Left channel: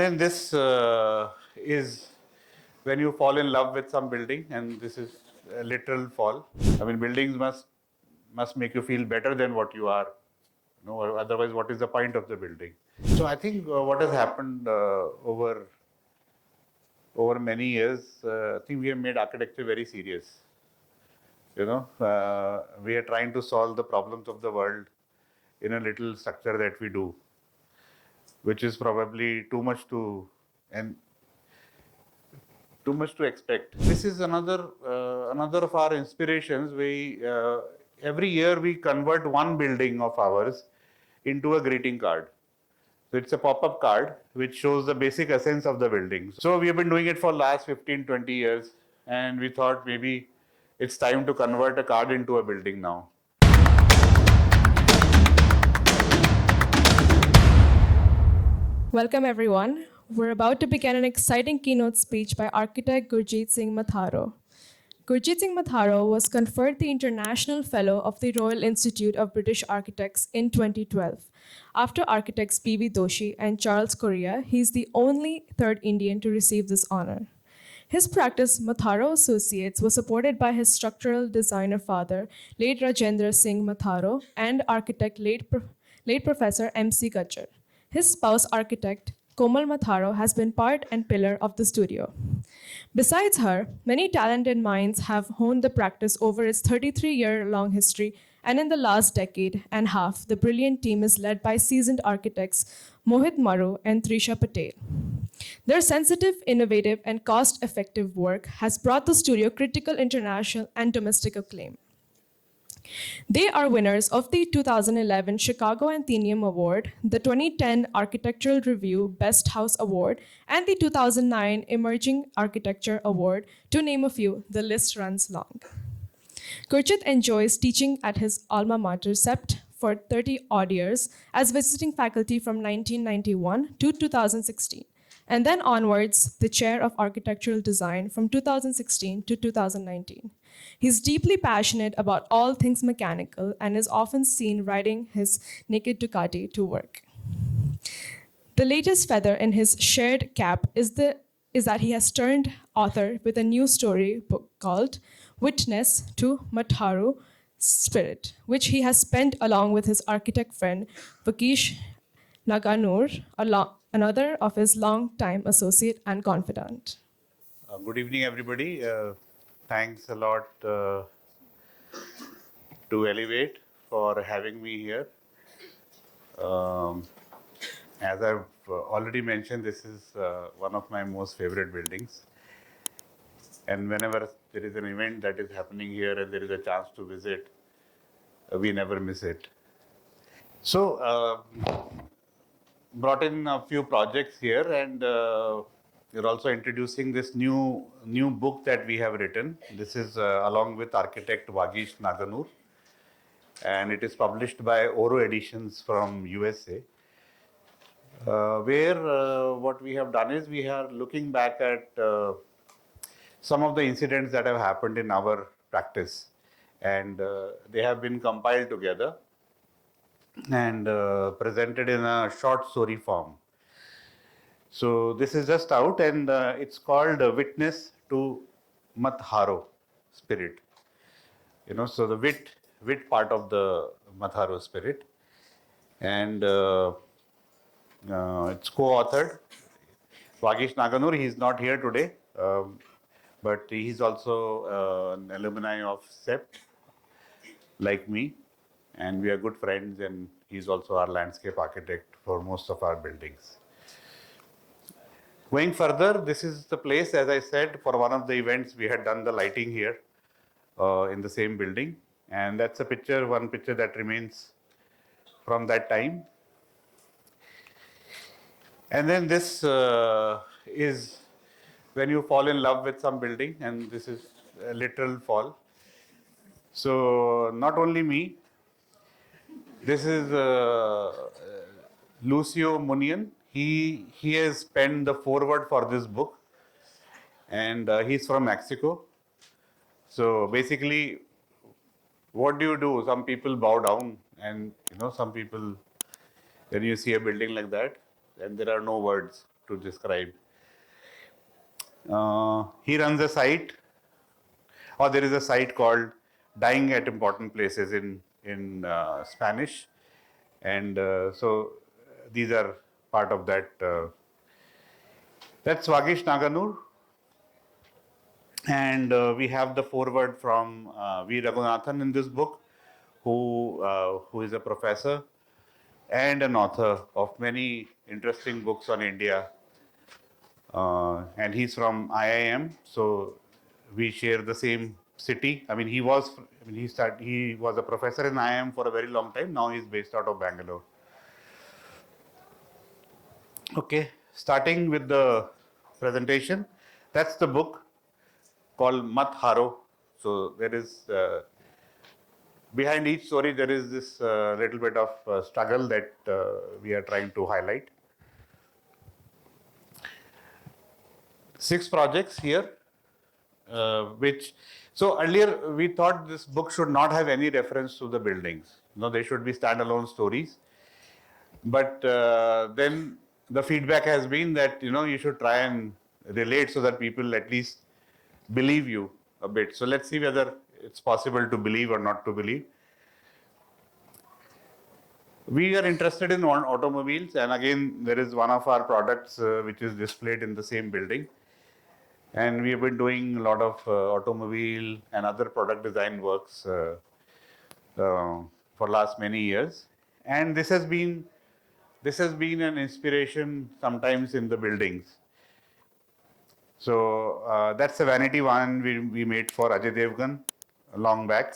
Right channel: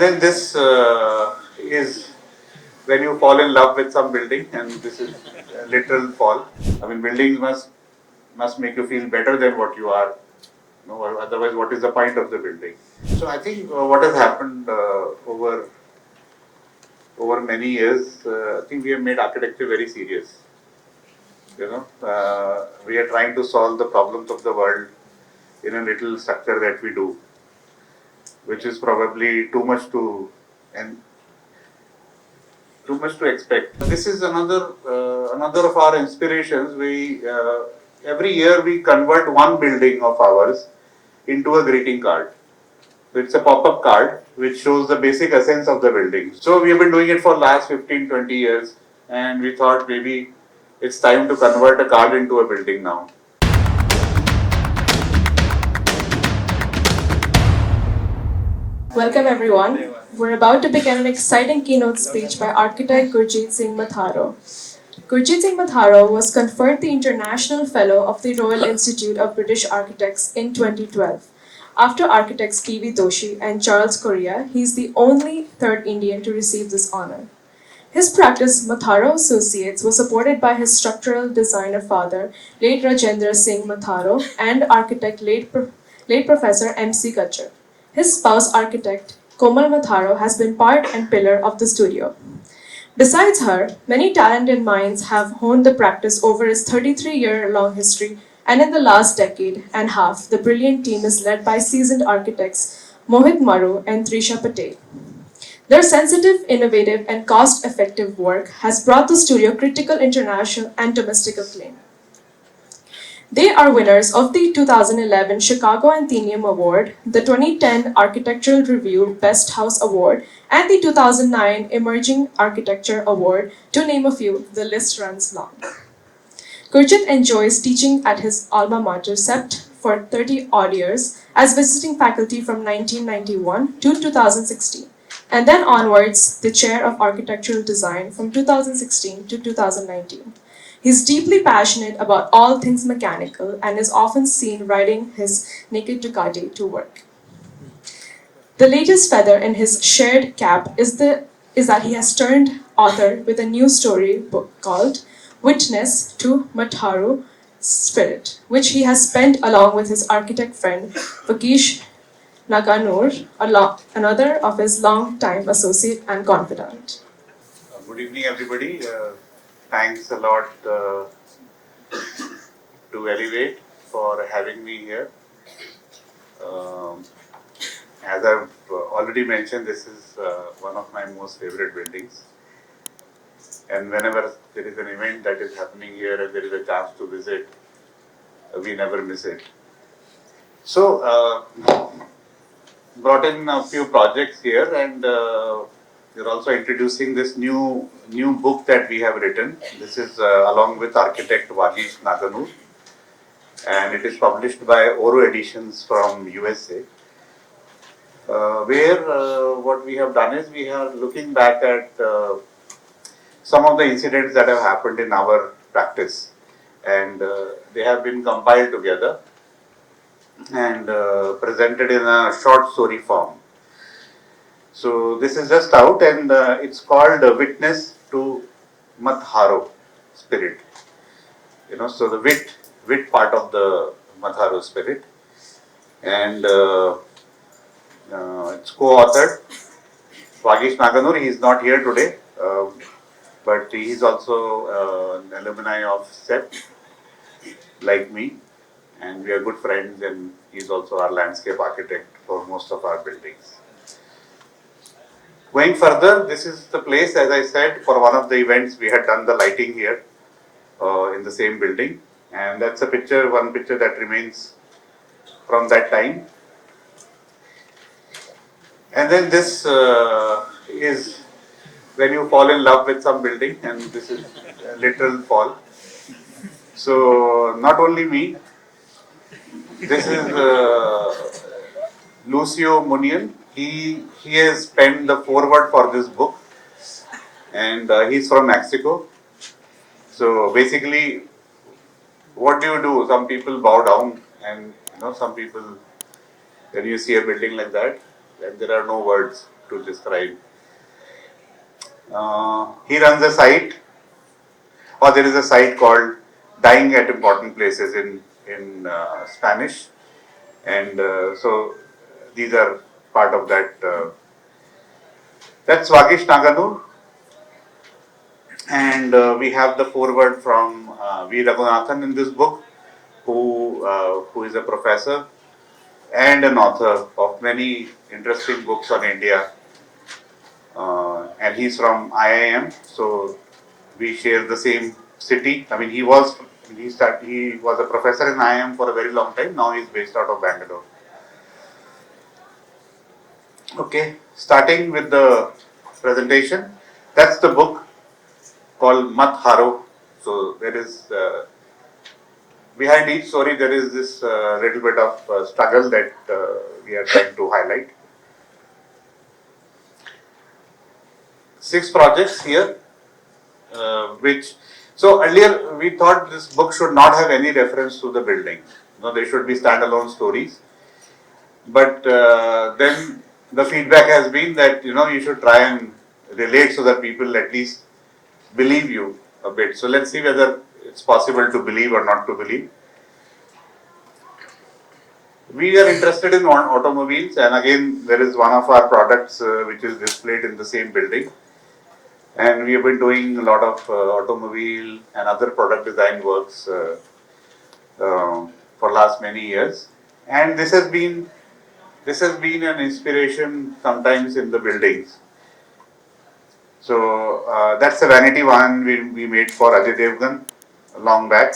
And then this is when you fall in love with some building, and this is a literal fall. I mean, buildings must make you feel better than what you are. No, otherwise, what is the point of the building? So I think what has happened over many years, I think we have made architecture very serious. We are trying to solve the problems of the world in a little structure that we do, which is probably too much to expect. This is another of our inspirations. We every year we convert one building of ours into a greeting card. So it's a pop-up card which shows the basic essence of the building. So we have been doing it for last 15-20 years, and we thought maybe it's time to convert a card into a building now. Welcome everyone. We're about to begin an exciting keynote speech by architect Gurjeet Singh Matharoo. Gurjeet Singh Matharoo was conferred the International Fellow of the Royal Institute of British Architects in 2012. After architects T.V. Doshi and Charles Correa, he is the only third Indian to receive this honor. His practice, Matharoo Associates, was supported by his structural designer father, late Rajendra Singh Matharoo, and architect late Professor M.C. Karjat. His spouse, architect Komal Matharoo, has been part and pillar of the studio. Besides her, many talented minds have honed the practice over its 33-year-long history, and in the last decade and a half, the brilliant team is led by seasoned architects Mohit Maru and Trisha Patel. Their sensitive, innovative, and cost-effective work has brought the studio critical international and domestic acclaim. They are winners of the 2011 Chicago Athenaeum Award, the 2010 Architectural Review Best House Award, and the 2009 Emerging Architecture Award, to name a few. The list runs long. Karjat enjoys teaching at his alma mater, CEPT, for 30-odd years as visiting faculty from 1991 to 2016, and then onwards the Chair of Architectural Design from 2016 to 2019. He is deeply passionate about all things mechanical and is often seen riding his naked Ducati to work. The latest feather in his shared cap is that he has turned author with a new story book called Wit-ness to Mat-haroo Spirit, which he has penned along with his architect friend Vagish Naganur, another of his long-time associate and confidant. Good evening, everybody. Thanks a lot to Elev8 for having me here. As I've already mentioned, this is one of my most favorite buildings. And whenever there is an event that is happening here and there is a chance to visit, we never miss it. So, brought in a few projects here, and we're also introducing this new book that we have written. This is along with architect Vagish Naganur, and it is published by Oro Editions from USA. Where what we have done is we are looking back at some of the incidents that have happened in our practice, and they have been compiled together and presented in a short story form. So this is just out, and it's called Wit-ness to Mat-haroo Spirit. So the wit part of the Mat-haroo Spirit, and it's co-authored. Vagish Naganur, he is not here today, but he is also an alumni of CEPT, like me, and we are good friends, and he is also our landscape architect for most of our buildings. Going further, this is the place, as I said, for one of the events we had done the lighting here in the same building, and that's one picture that remains from that time. And then this is when you fall in love with some building, and this is a literal fall. So not only me, this is Lucio Munian. He has penned the foreword for this book, and he's from Mexico. So basically, what do? Some people bow down, and some people, when you see a building like that, then there are no words. to describe. He runs a site, or there is a site called Dying at Important Places in Spanish, and so these are part of that. That's Vagish Naganur, and we have the foreword from V. Raghunathan in this book, who is a professor and an author of many interesting books on India. And he's from IIM, so we share the same city. I mean, he was a professor in IIM for a very long time. Now he's based out of Bangalore. Okay, starting with the presentation. That's the book called Mat-haroo. So there is behind each story there is this little bit of struggle that we are trying to highlight. 6 projects here, so earlier we thought this book should not have any reference to the building. No, they should be standalone stories. But then the feedback has been that you should try and relate so that people at least believe you a bit. So let's see whether it's possible to believe or not to believe. We are interested in automobiles, and again there is one of our products which is displayed in the same building. And we have been doing a lot of automobile and other product design works for last many years. And this has been an inspiration sometimes in the buildings. So that's a vanity one we made for Ajay Devgan a long back.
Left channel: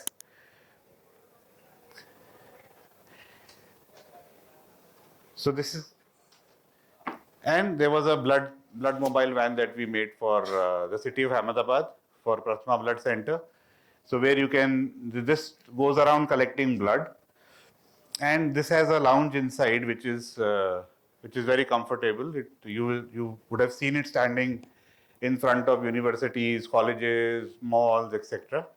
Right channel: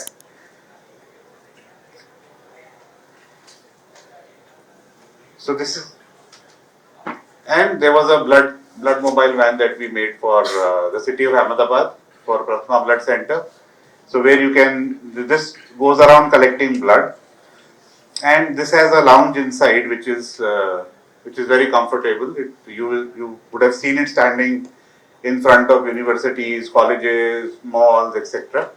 So this is, and there was a blood mobile van that we made for the city of Ahmedabad for Plasma Blood Center. So where this goes around collecting blood, and this has a lounge inside which is very comfortable. You would have seen it standing in front of universities, colleges, malls, etc.,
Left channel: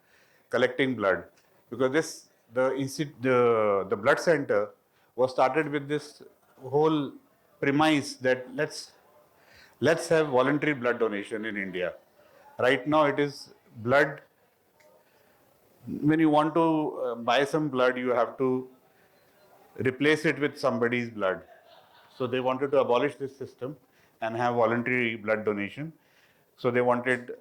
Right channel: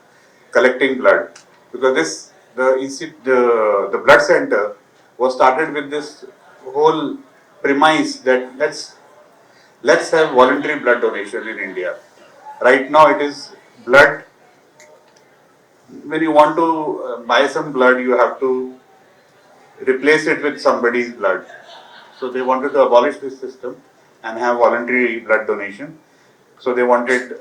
collecting blood, because the blood center was started with this whole premise that let's have voluntary blood donation in India. Right now it is blood. When you want to buy some blood, you have to replace it with somebody's blood. So they wanted to abolish this system and have voluntary blood donation. So they wanted,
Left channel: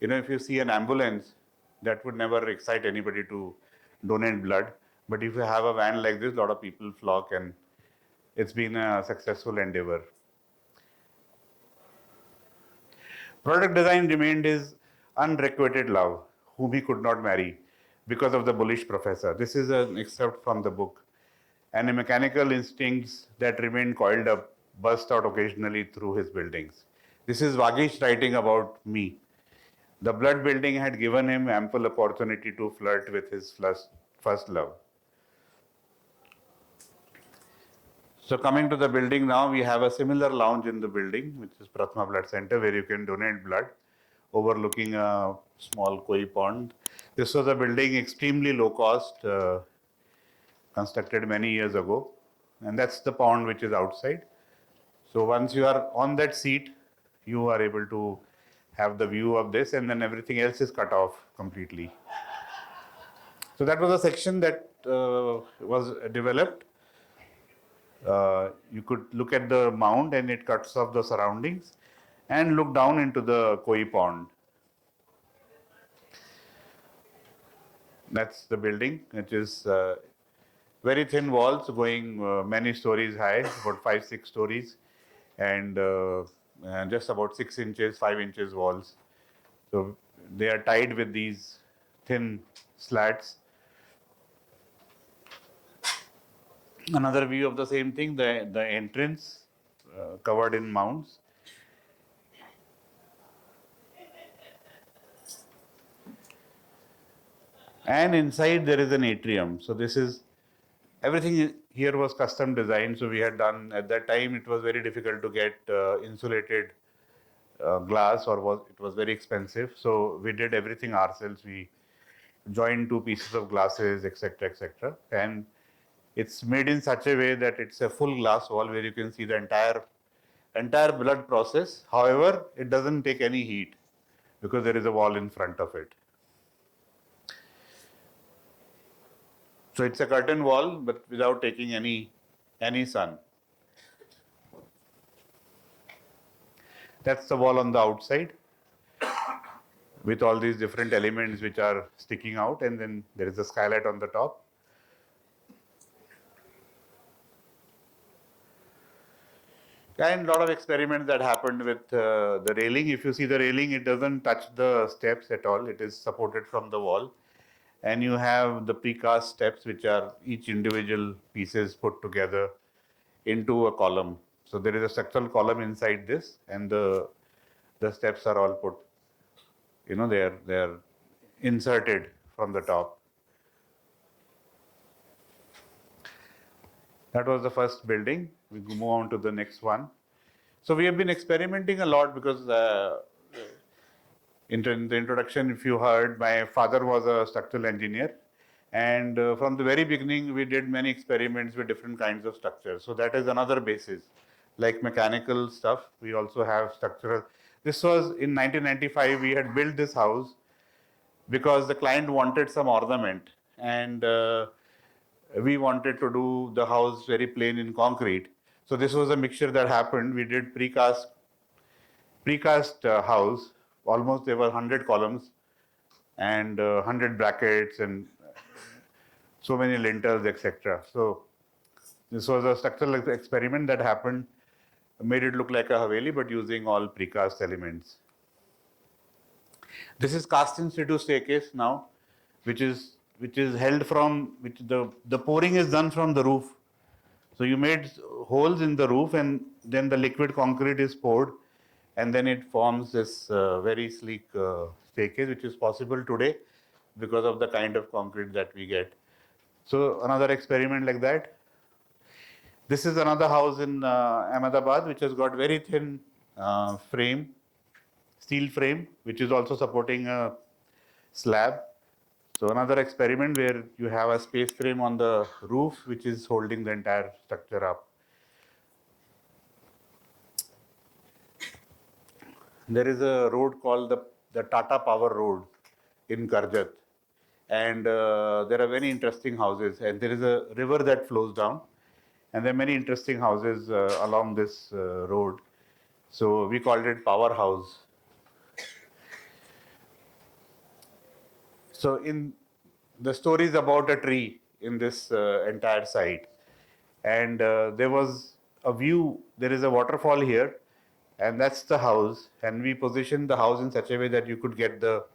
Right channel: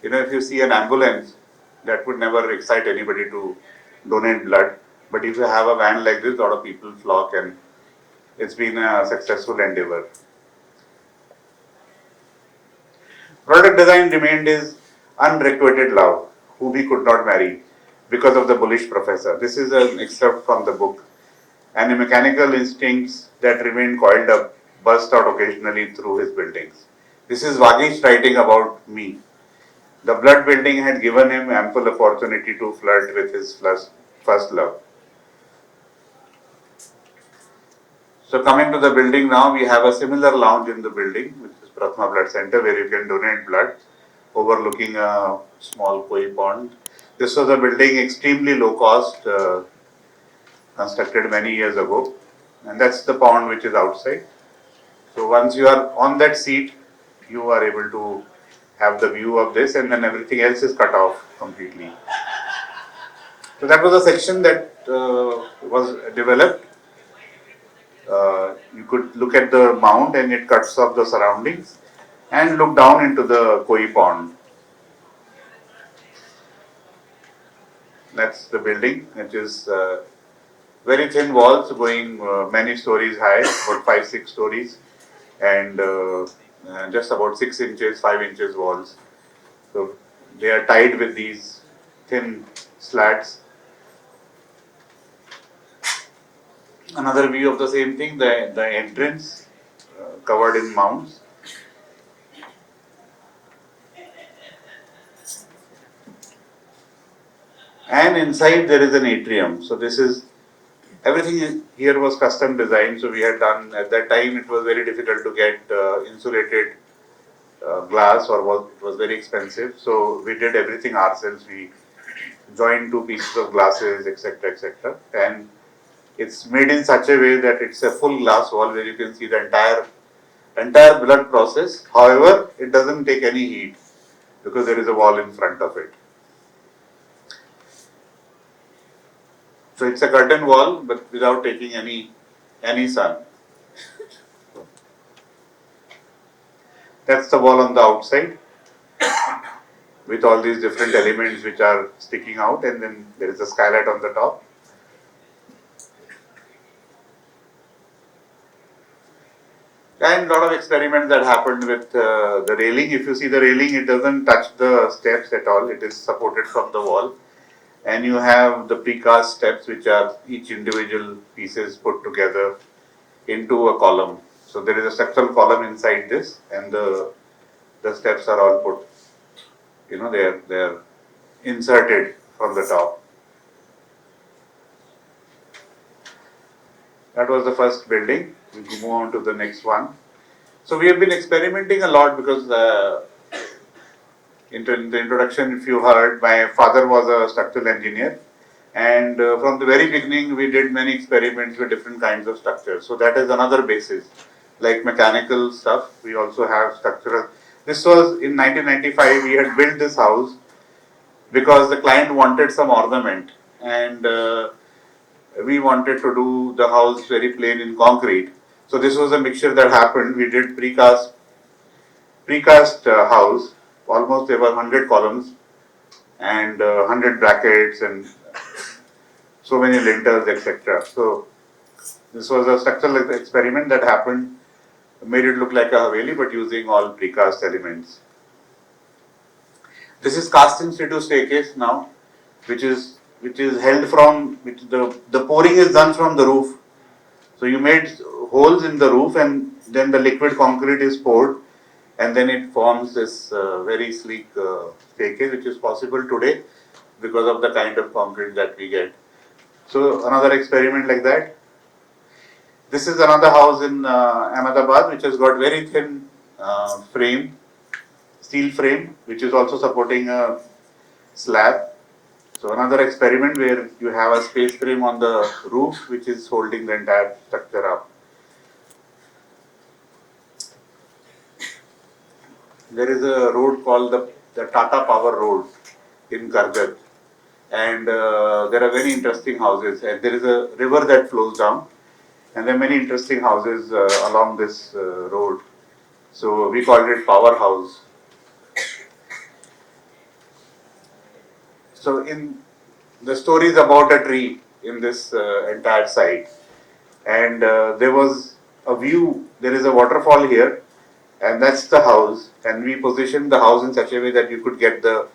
if you see an ambulance, that would never excite anybody to donate blood. But if you have a van like this, a lot of people flock, and it's been a successful endeavor. Product design remained his unrequited love, whom he could not marry because of the bullish professor. This is an excerpt from the book. And the mechanical instincts that remained coiled up burst out occasionally through his buildings. This is Vagish writing about me. The blood building had given him ample opportunity to flirt with his first love. So coming to the building now, we have a similar lounge in the building, which is Plasma Blood Center, where you can donate blood, overlooking a small koi pond. This was a building extremely low cost, constructed many years ago, and that's the pond which is outside. So once you are on that seat, you are able to have the view of this, and then everything else is cut off completely. So that was a section that was developed. You could look at the mound and it cuts off the surroundings and look down into the koi pond. That's the building. It is very thin walls going many stories high, about 5-6 stories, and just about 6 inches, 5 inches walls. So they are tied with these thin slats. Another view of the same thing, the entrance covered in mounds. And inside there is an atrium. So this is, everything here was custom designed. So we had done, at that time it was very difficult to get insulated glass, or was very expensive. So we did everything ourselves. We joined 2 pieces of glasses, etc., etc. And it's made in such a way that it's a full glass wall where you can see the entire entire blood process. However, it doesn't take any heat because there is a wall in front of it. So it's a curtain wall, but without taking any sun. That's the wall on the outside with all these different elements which are sticking out, and then there is a skylight on the top. And a lot of experiments that happened with the railing. If you see the railing, it doesn't touch the steps at all. It is supported from the wall. And you have the precast steps, which are each individual pieces put together into a column. So there is a structural column inside this, and the steps are all put, they're inserted from the top. That was the first building. We move on to the next one. So we have been experimenting a lot because in the introduction, if you heard, my father was a structural engineer, and from the very beginning we did many experiments with different kinds of structures. So that is another basis. Like mechanical stuff, we also have structural. This was in 1995, we had built this house because the client wanted some ornament, and we wanted to do the house very plain in concrete. So this was a mixture that happened. We did precast house. Almost there were 100 columns and 100 brackets and so many lintels, etc. So this was a structural experiment that happened, made it look like a Haveli, but using all precast elements. This is cast in situ staircase now, which is held from, the pouring is done from the roof. So you made holes in the roof, and then the liquid concrete is poured, and then it forms this very sleek staircase, which is possible today because of the kind of concrete that we get. So another experiment like that. This is another house in Ahmedabad, which has got very thin frame, steel frame, which is also supporting a slab. So another experiment where you have a space frame on the roof, which is holding the entire structure up. There is a road called the Tata Power Road in Karjat, and there are very interesting houses. And there is a river that flows down, and there are many interesting houses along this road. So we called it Power House. So in the story is about a tree in this entire site, and there was a view. There is a waterfall here, and that's the house. And we positioned the house in such a way that you could get the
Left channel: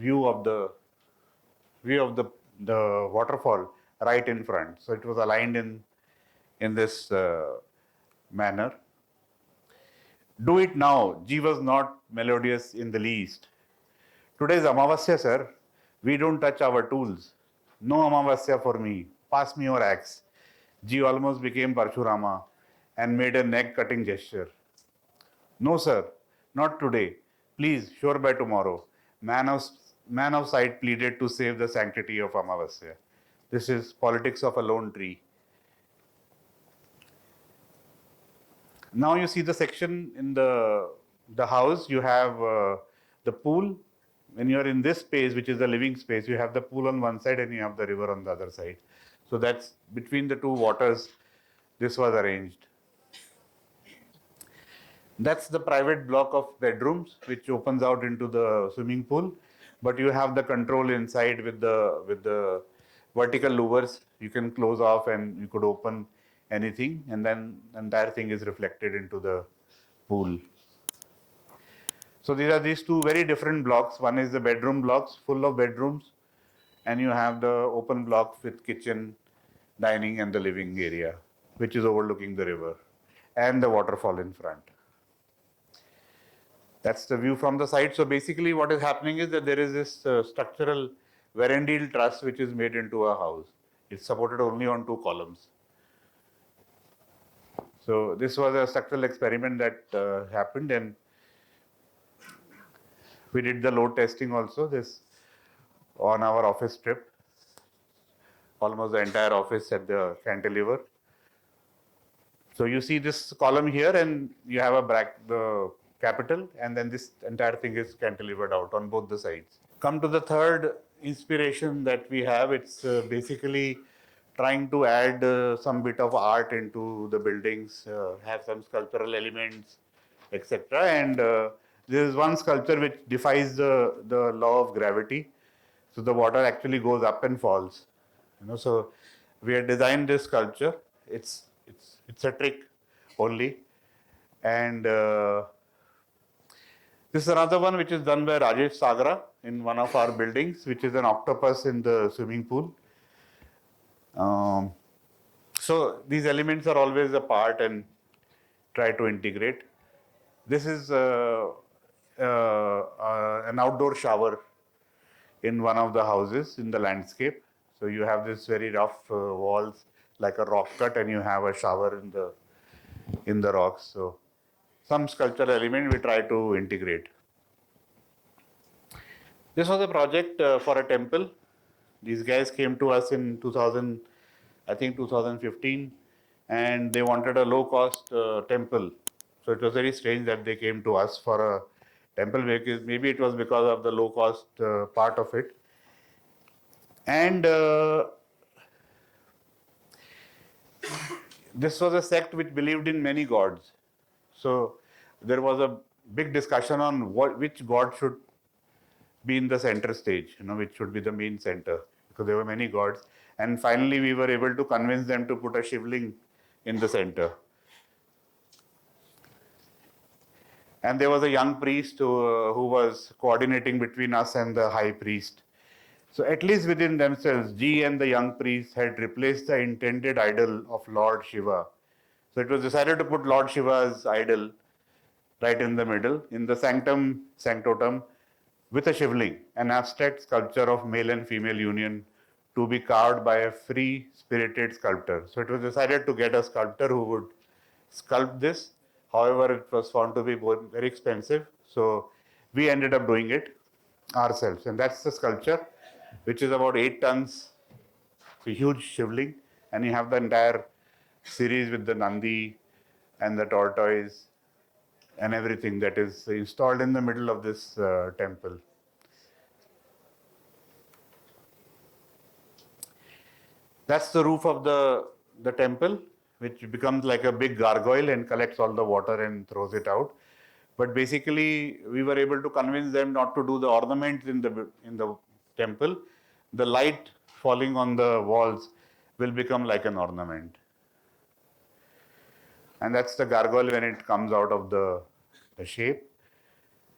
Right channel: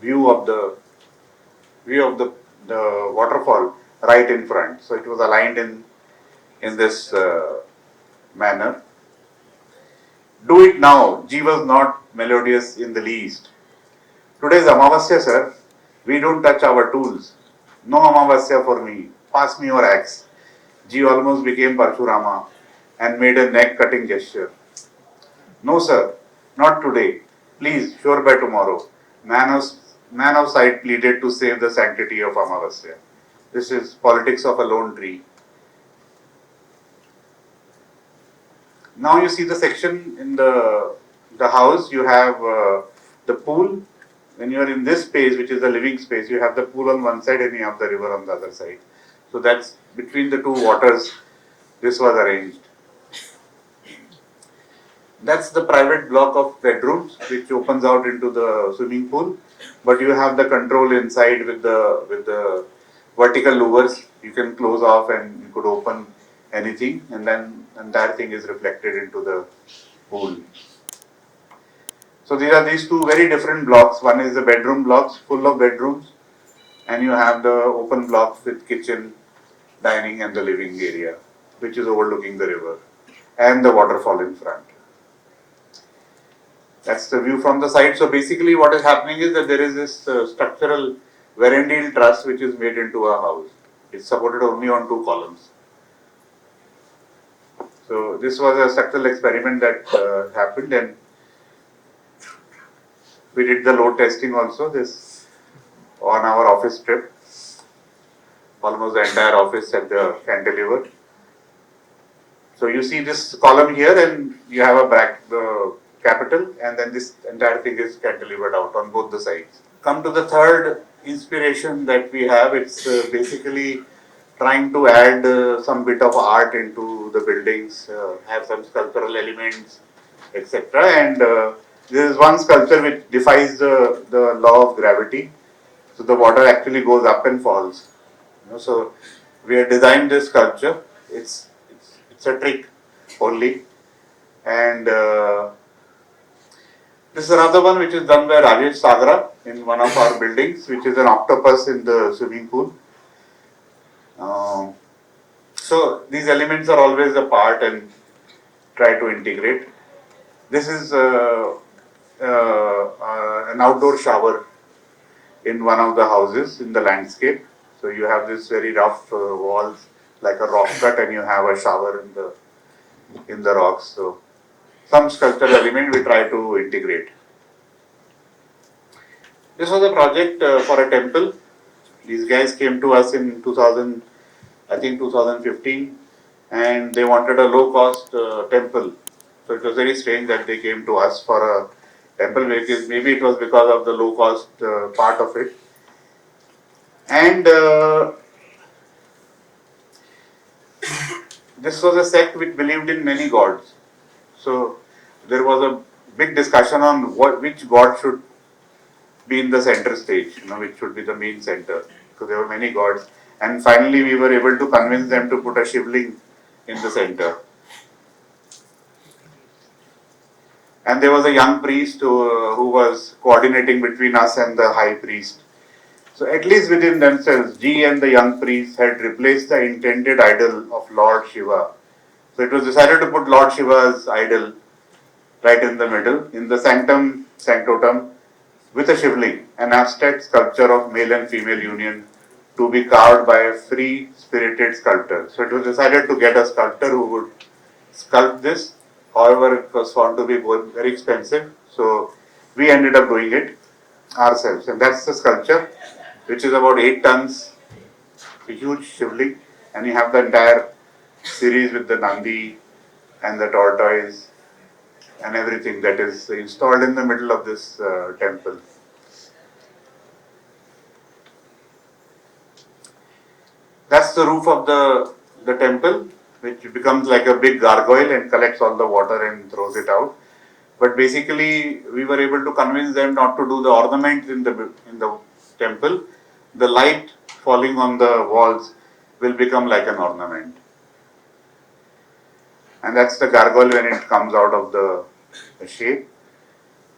view of the waterfall right in front. So it was aligned in this manner. Do it now. G was not melodious in the least. Today is Amavasya, sir. We don't touch our tools. No Amavasya for me. Pass me your axe. G almost became Parshurama and made a neck-cutting gesture. No, sir. Not today. Please, sure by tomorrow. Man of sight pleaded to save the sanctity of Amavasya. This is politics of a lone tree. Now you see the section in the house. You have the pool. When you are in this space, which is the living space, you have the pool on one side and you have the river on the other side. So that's between the two waters. This was arranged. That's the private block of bedrooms, which opens out into the swimming pool. But you have the control inside with the vertical louvers. You can close off and you could open anything, and then entire thing is reflected into the pool. So these two very different blocks. One is the bedroom blocks, full of bedrooms, and you have the open blocks with kitchen, dining, and the living area, which is overlooking the river, and the waterfall in front. That's the view from the side. So basically what is happening is that there is this structural verandile truss which is made into a house. It's supported only on two columns. So this was a structural experiment that happened, and we did the load testing also this on our office trip. Almost the entire office at the cantilever. So you see this column here, and you have the capital, and then this entire thing is cantilevered out on both the sides. Come to the third inspiration that we have. It's basically trying to add some bit of art into the buildings, have some sculptural elements, etc. And there is one sculpture which defies the law of gravity. So the water actually goes up and falls. So we have designed this sculpture. It's a trick only, and this is another one which is done by Rajesh Sagara in one of our buildings, which is an octopus in the swimming pool. So these elements are always apart and try to integrate. This is an outdoor shower in one of the houses in the landscape. So you have this very rough walls like a rock cut, and you have a shower in the rocks. So some sculptural element we try to integrate. This was a project for a temple. These guys came to us in 2015, and they wanted a low-cost temple. So it was very strange that they came to us for a temple. Maybe it was because of the low-cost part of it. And this was a sect which believed in many gods. So there was a big discussion on which god should be in the center stage, which should be the main center. So there were many gods. And finally we were able to convince them to put a shivling in the center. And there was a young priest who was coordinating between us and the high priest. So at least within themselves, G and the young priest had replaced the intended idol of Lord Shiva. So it was decided to put Lord Shiva's idol right in the middle, in the sanctum sanctotum, with a shivling, an abstract sculpture of male and female union to be carved by a free spirited sculptor. So it was decided to get a sculptor who would sculpt this. However, it was found to be very expensive, so we ended up doing it ourselves. And that's the sculpture, which is about 8 tons, a huge shivling, and you have the entire series with the Nandi and the tortoise and everything that is installed in the middle of this temple. That's the roof of the temple, which becomes like a big gargoyle and collects all the water and throws it out. But basically, we were able to convince them not to do the ornaments in the temple. The light falling on the walls will become like an ornament. And that's the gargoyle when it comes out of the shape.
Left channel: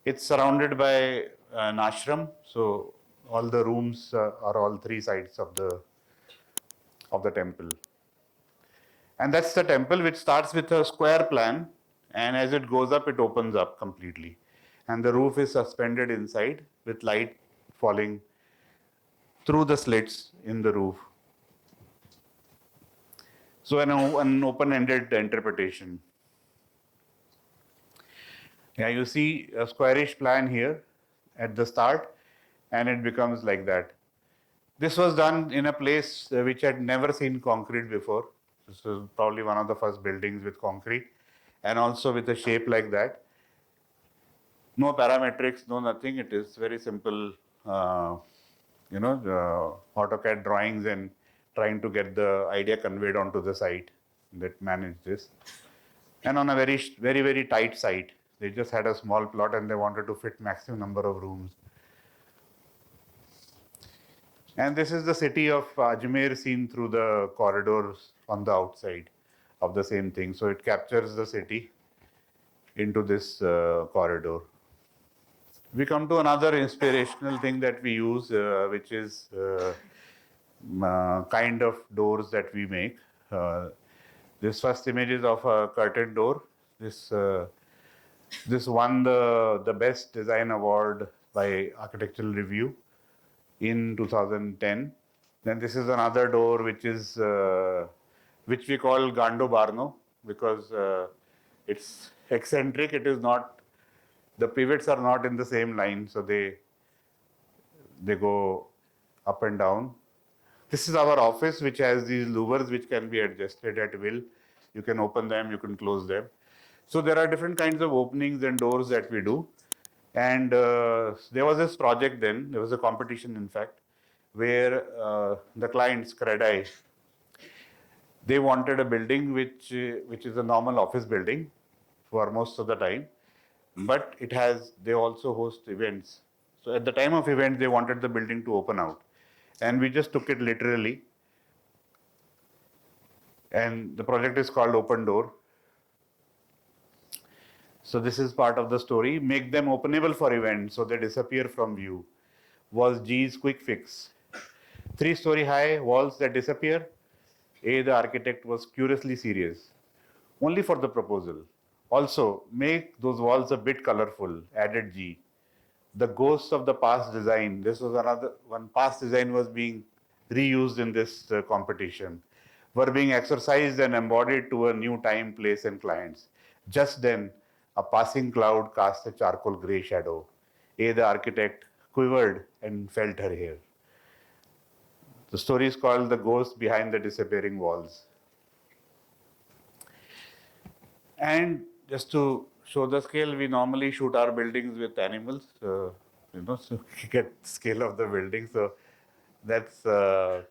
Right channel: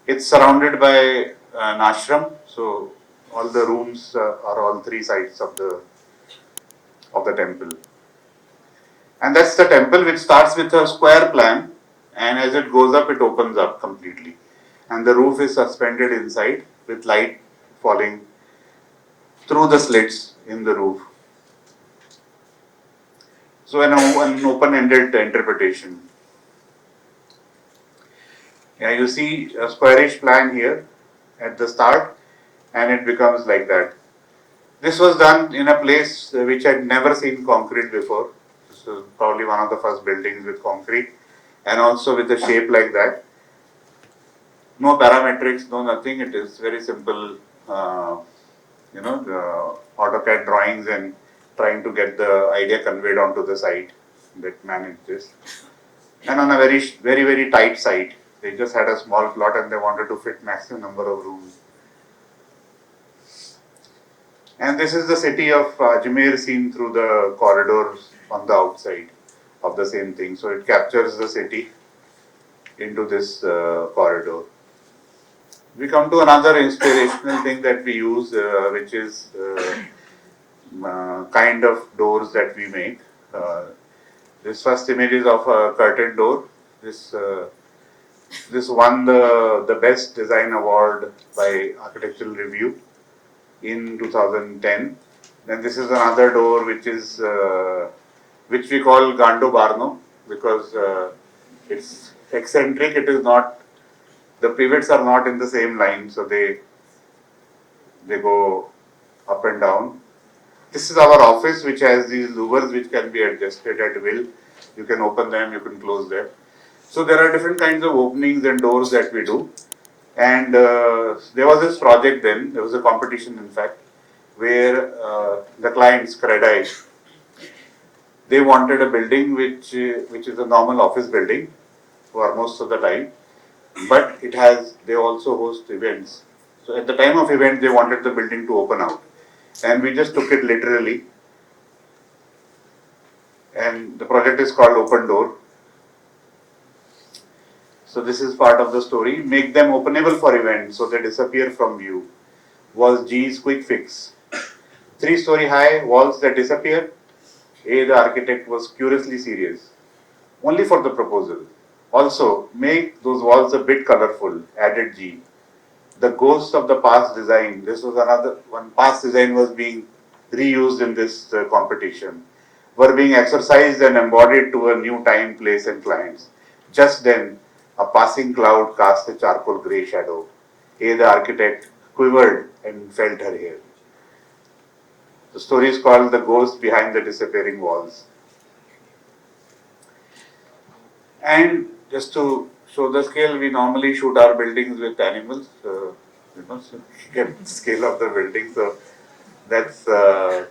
It's surrounded by an ashram, so all the rooms are all 3 sides of the temple. And that's the temple, which starts with a square plan, and as it goes up, it opens up completely. And the roof is suspended inside with light falling through the slits in the roof. So an open-ended interpretation. Yeah, you see a squarish plan here at the start, and it becomes like that. This was done in a place which had never seen concrete before. This was probably one of the first buildings with concrete, and also with a shape like that. No parametrics, no nothing. It is very simple, the AutoCAD drawings and trying to get the idea conveyed onto the site that managed this. And on a very, very, very tight site. They just had a small plot and they wanted to fit maximum number of rooms. And this is the city of Ajmer seen through the corridors on the outside of the same thing. So it captures the city into this corridor. We come to another inspirational thing that we use, which is kind of doors that we make. This first image is of a curtain door. This won the Best Design Award by Architectural Review in 2010. Then this is another door which we call Gando Barno because it's eccentric. It is not, the pivots are not in the same line, so they go up and down. This is our office, which has these louvers which can be adjusted at will. You can open them, you can close them. So there are different kinds of openings and doors that we do. And there was this project then, there was a competition in fact, where the clients, Credai, they wanted a building which is a normal office building for most of the time, but they also host events. So at the time of event, they wanted the building to open out. And we just took it literally. And the project is called Open Door. So this is part of the story. Make them openable for events so they disappear from view. Was G's quick fix. 3-story high walls that disappear. A, the architect was curiously serious. Only for the proposal. Also, make those walls a bit colorful, added G. The ghosts of the past design. This was another one. Past design was being reused in this competition. Were being exercised and embodied to a new time, place, and clients. Just then, a passing cloud cast a charcoal grey shadow. A, the architect, quivered and felt her hair. The story is called The Ghost Behind the Disappearing Walls. And just to show the scale, we normally shoot our buildings with animals, so you get the scale of the building. So that's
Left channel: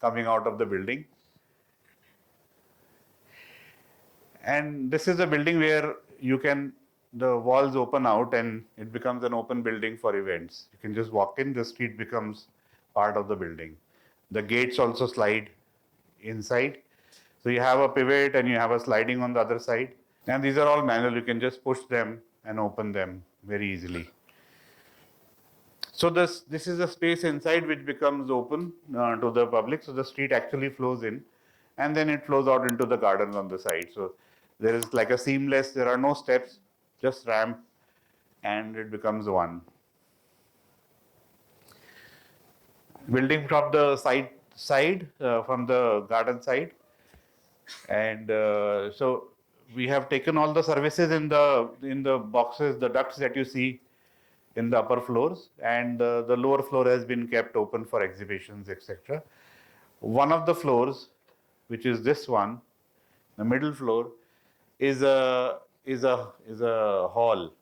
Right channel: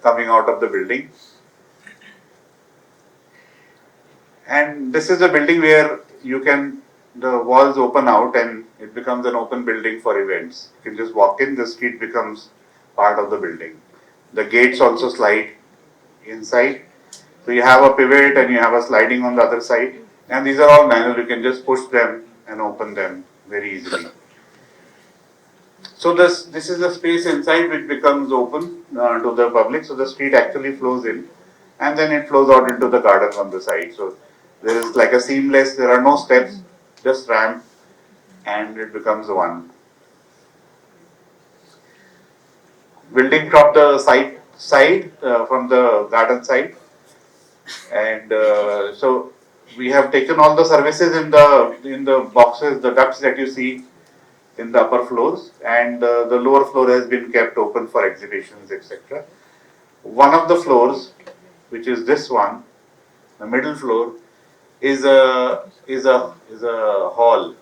coming out of the building. And this is a building where the walls open out and it becomes an open building for events. You can just walk in, the street becomes part of the building. The gates also slide inside. So you have a pivot and you have a sliding on the other side. And these are all manual. You can just push them and open them very easily. So this is a space inside which becomes open to the public. So the street actually flows in and then it flows out into the garden on the side. So there is like a seamless, there are no steps, just ramp and it becomes one. Building from the side from the garden side. And so we have taken all the services in the boxes, the ducts that you see in the upper floors, and the lower floor has been kept open for exhibitions, etc. One of the floors, which is this one, the middle floor, is a hall.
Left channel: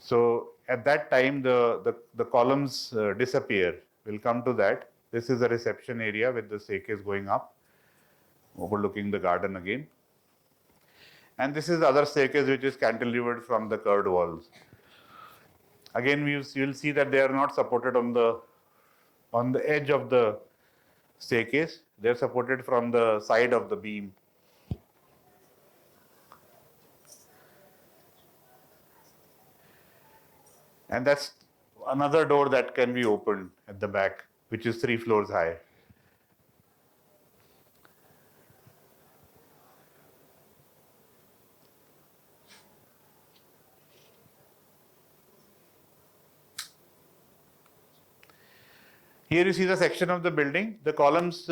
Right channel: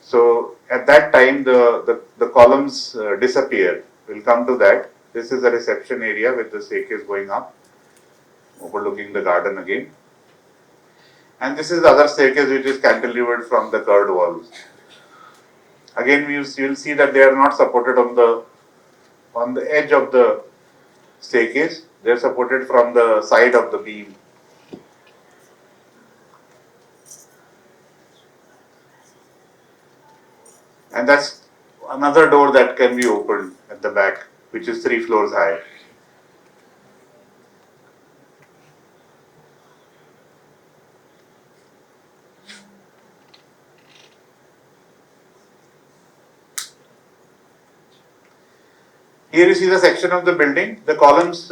So at that time the columns disappear. We'll come to that. This is the reception area with the staircase going up, overlooking the garden again. And this is the other staircase which is cantilevered from the curved walls. Again, you'll see that they are not supported on the edge of the staircase. They are supported from the side of the beam. And that's another door that can be opened at the back, which is 3 floors high. Here you see the section of the building. The columns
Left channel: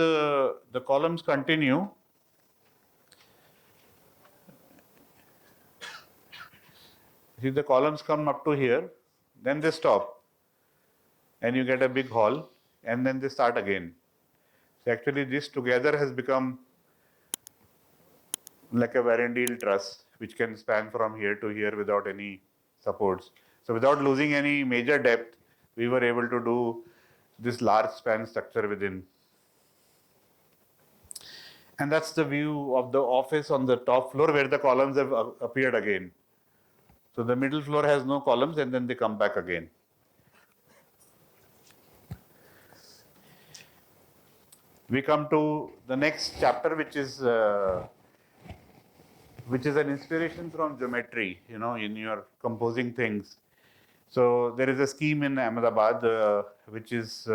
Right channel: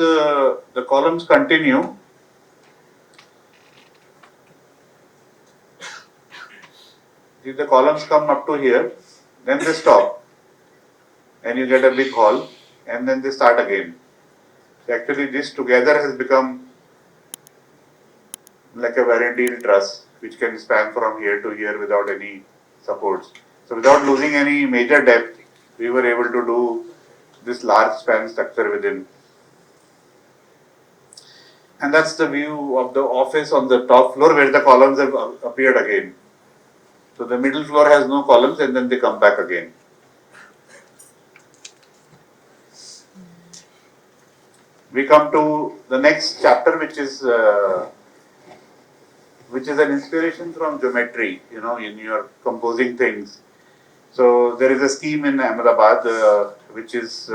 continue. See, the columns come up to here, then they stop, and you get a big hall, and then they start again. So actually, this together has become like a Varendil truss, which can span from here to here without any supports. So without losing any major depth, we were able to do this large span structure within. And that's the view of the office on the top floor where the columns have appeared again. So the middle floor has no columns and then they come back again. We come to the next chapter, which is an inspiration from geometry, in your composing things. So there is a scheme in Ahmedabad which is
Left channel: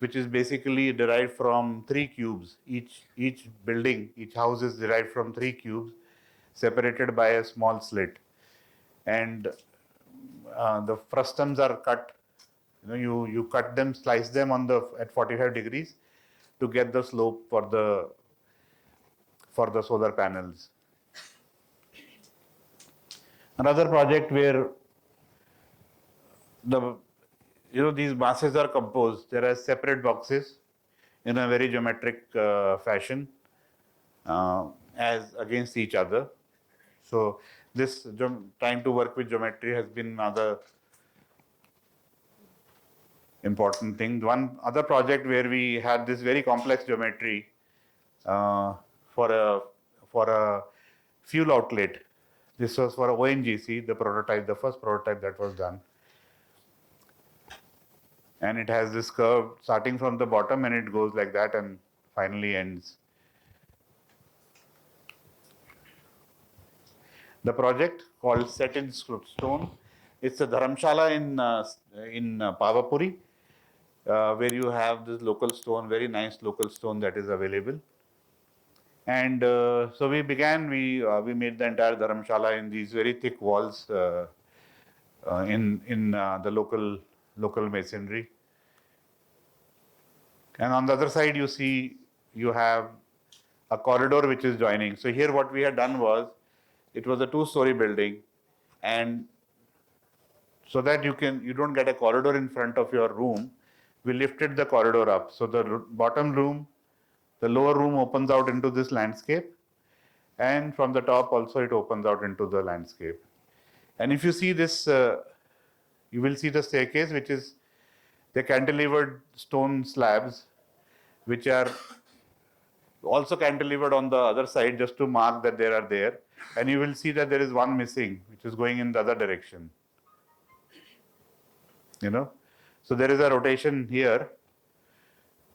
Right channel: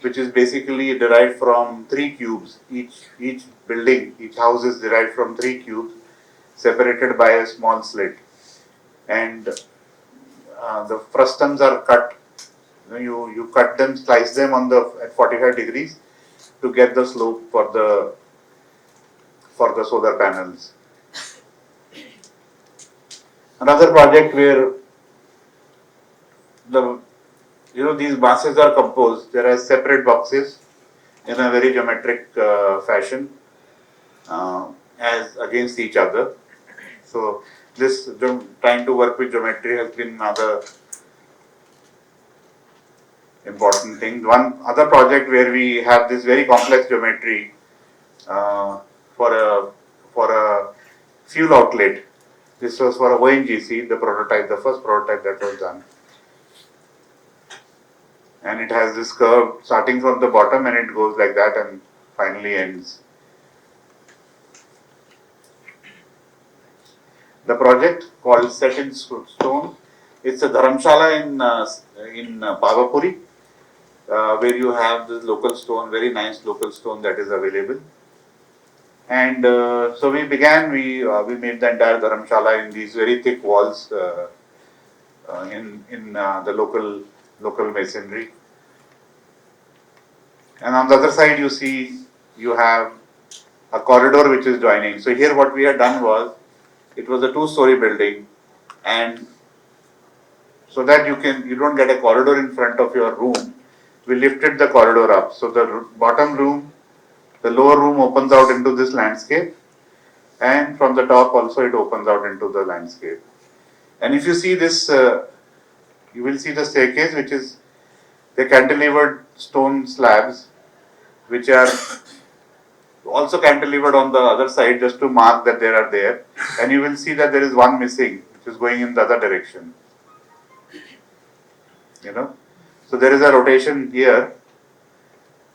basically derived from 3 cubes. Each building, each house is derived from 3 cubes, separated by a small slit. And the frustums are cut. You cut them, slice them at 45 degrees to get the slope for the solar panels. Another project where these masses are composed. There are separate boxes in a very geometric fashion, as against each other. So this trying to work with geometry has been another important thing. One other project where we have this very complex geometry for a fuel outlet. This was for ONGC, the prototype, the first prototype that was done. And it has this curve starting from the bottom and it goes like that and finally ends. The project called Set in Stone. It's a dharamshala in Pavapuri, where you have this local stone, very nice local stone that is available. And so we began. We made the entire dharamshala in these very thick walls in the local masonry. And on the other side, you see you have a corridor which is joining. So here, what we had done was, it was a two-story building, and so that you don't get a corridor in front of your room, we lifted the corridor up. So the bottom room, the lower room opens out into this landscape, and from the top also it opens out into the landscape. And if you see this, you will see the staircase, which is the cantilevered stone slabs, which are also cantilevered on the other side just to mark that they are there. And you will see that there is one missing, which is going in the other direction. So there is a rotation here.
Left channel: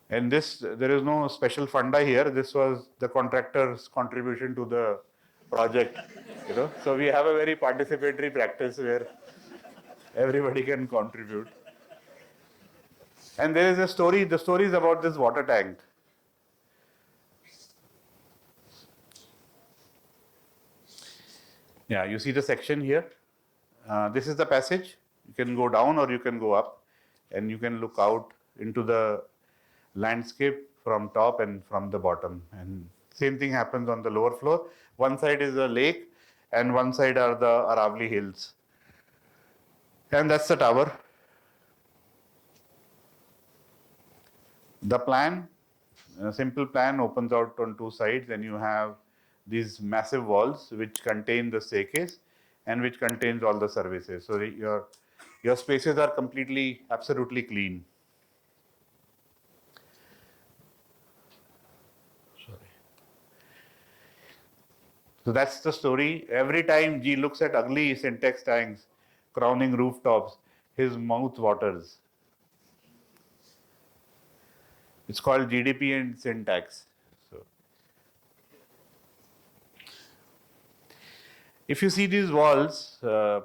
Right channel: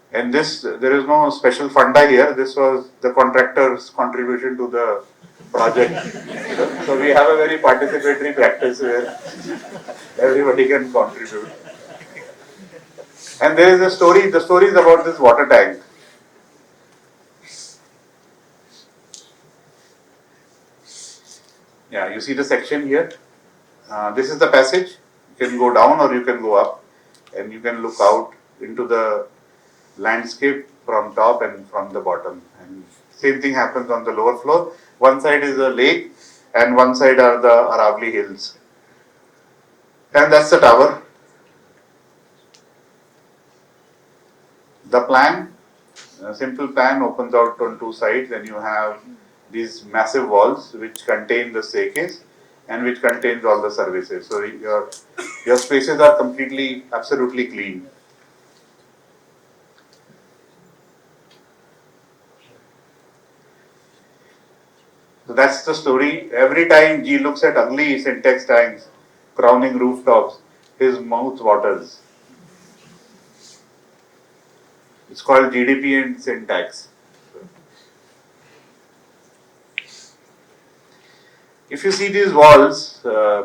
And this, there is no special funda here. This was the contractor's contribution to the project. So we have a very participatory practice where everybody can contribute. And there is a story. The story is about this water tank. Yeah, you see the section here. This is the passage. You can go down or you can go up, and you can look out into the landscape from top and from the bottom. And same thing happens on the lower floor. One side is a lake, and one side are the Aravalli Hills. And that's the tower. The plan, a simple plan, opens out on two sides, and you have these massive walls which contain the staircase and which contains all the services. So your spaces are completely, absolutely clean. So that's the story. Every time G looks at ugly syntax tanks crowning rooftops, his mouth waters. It's called GDP and syntax. If you see these walls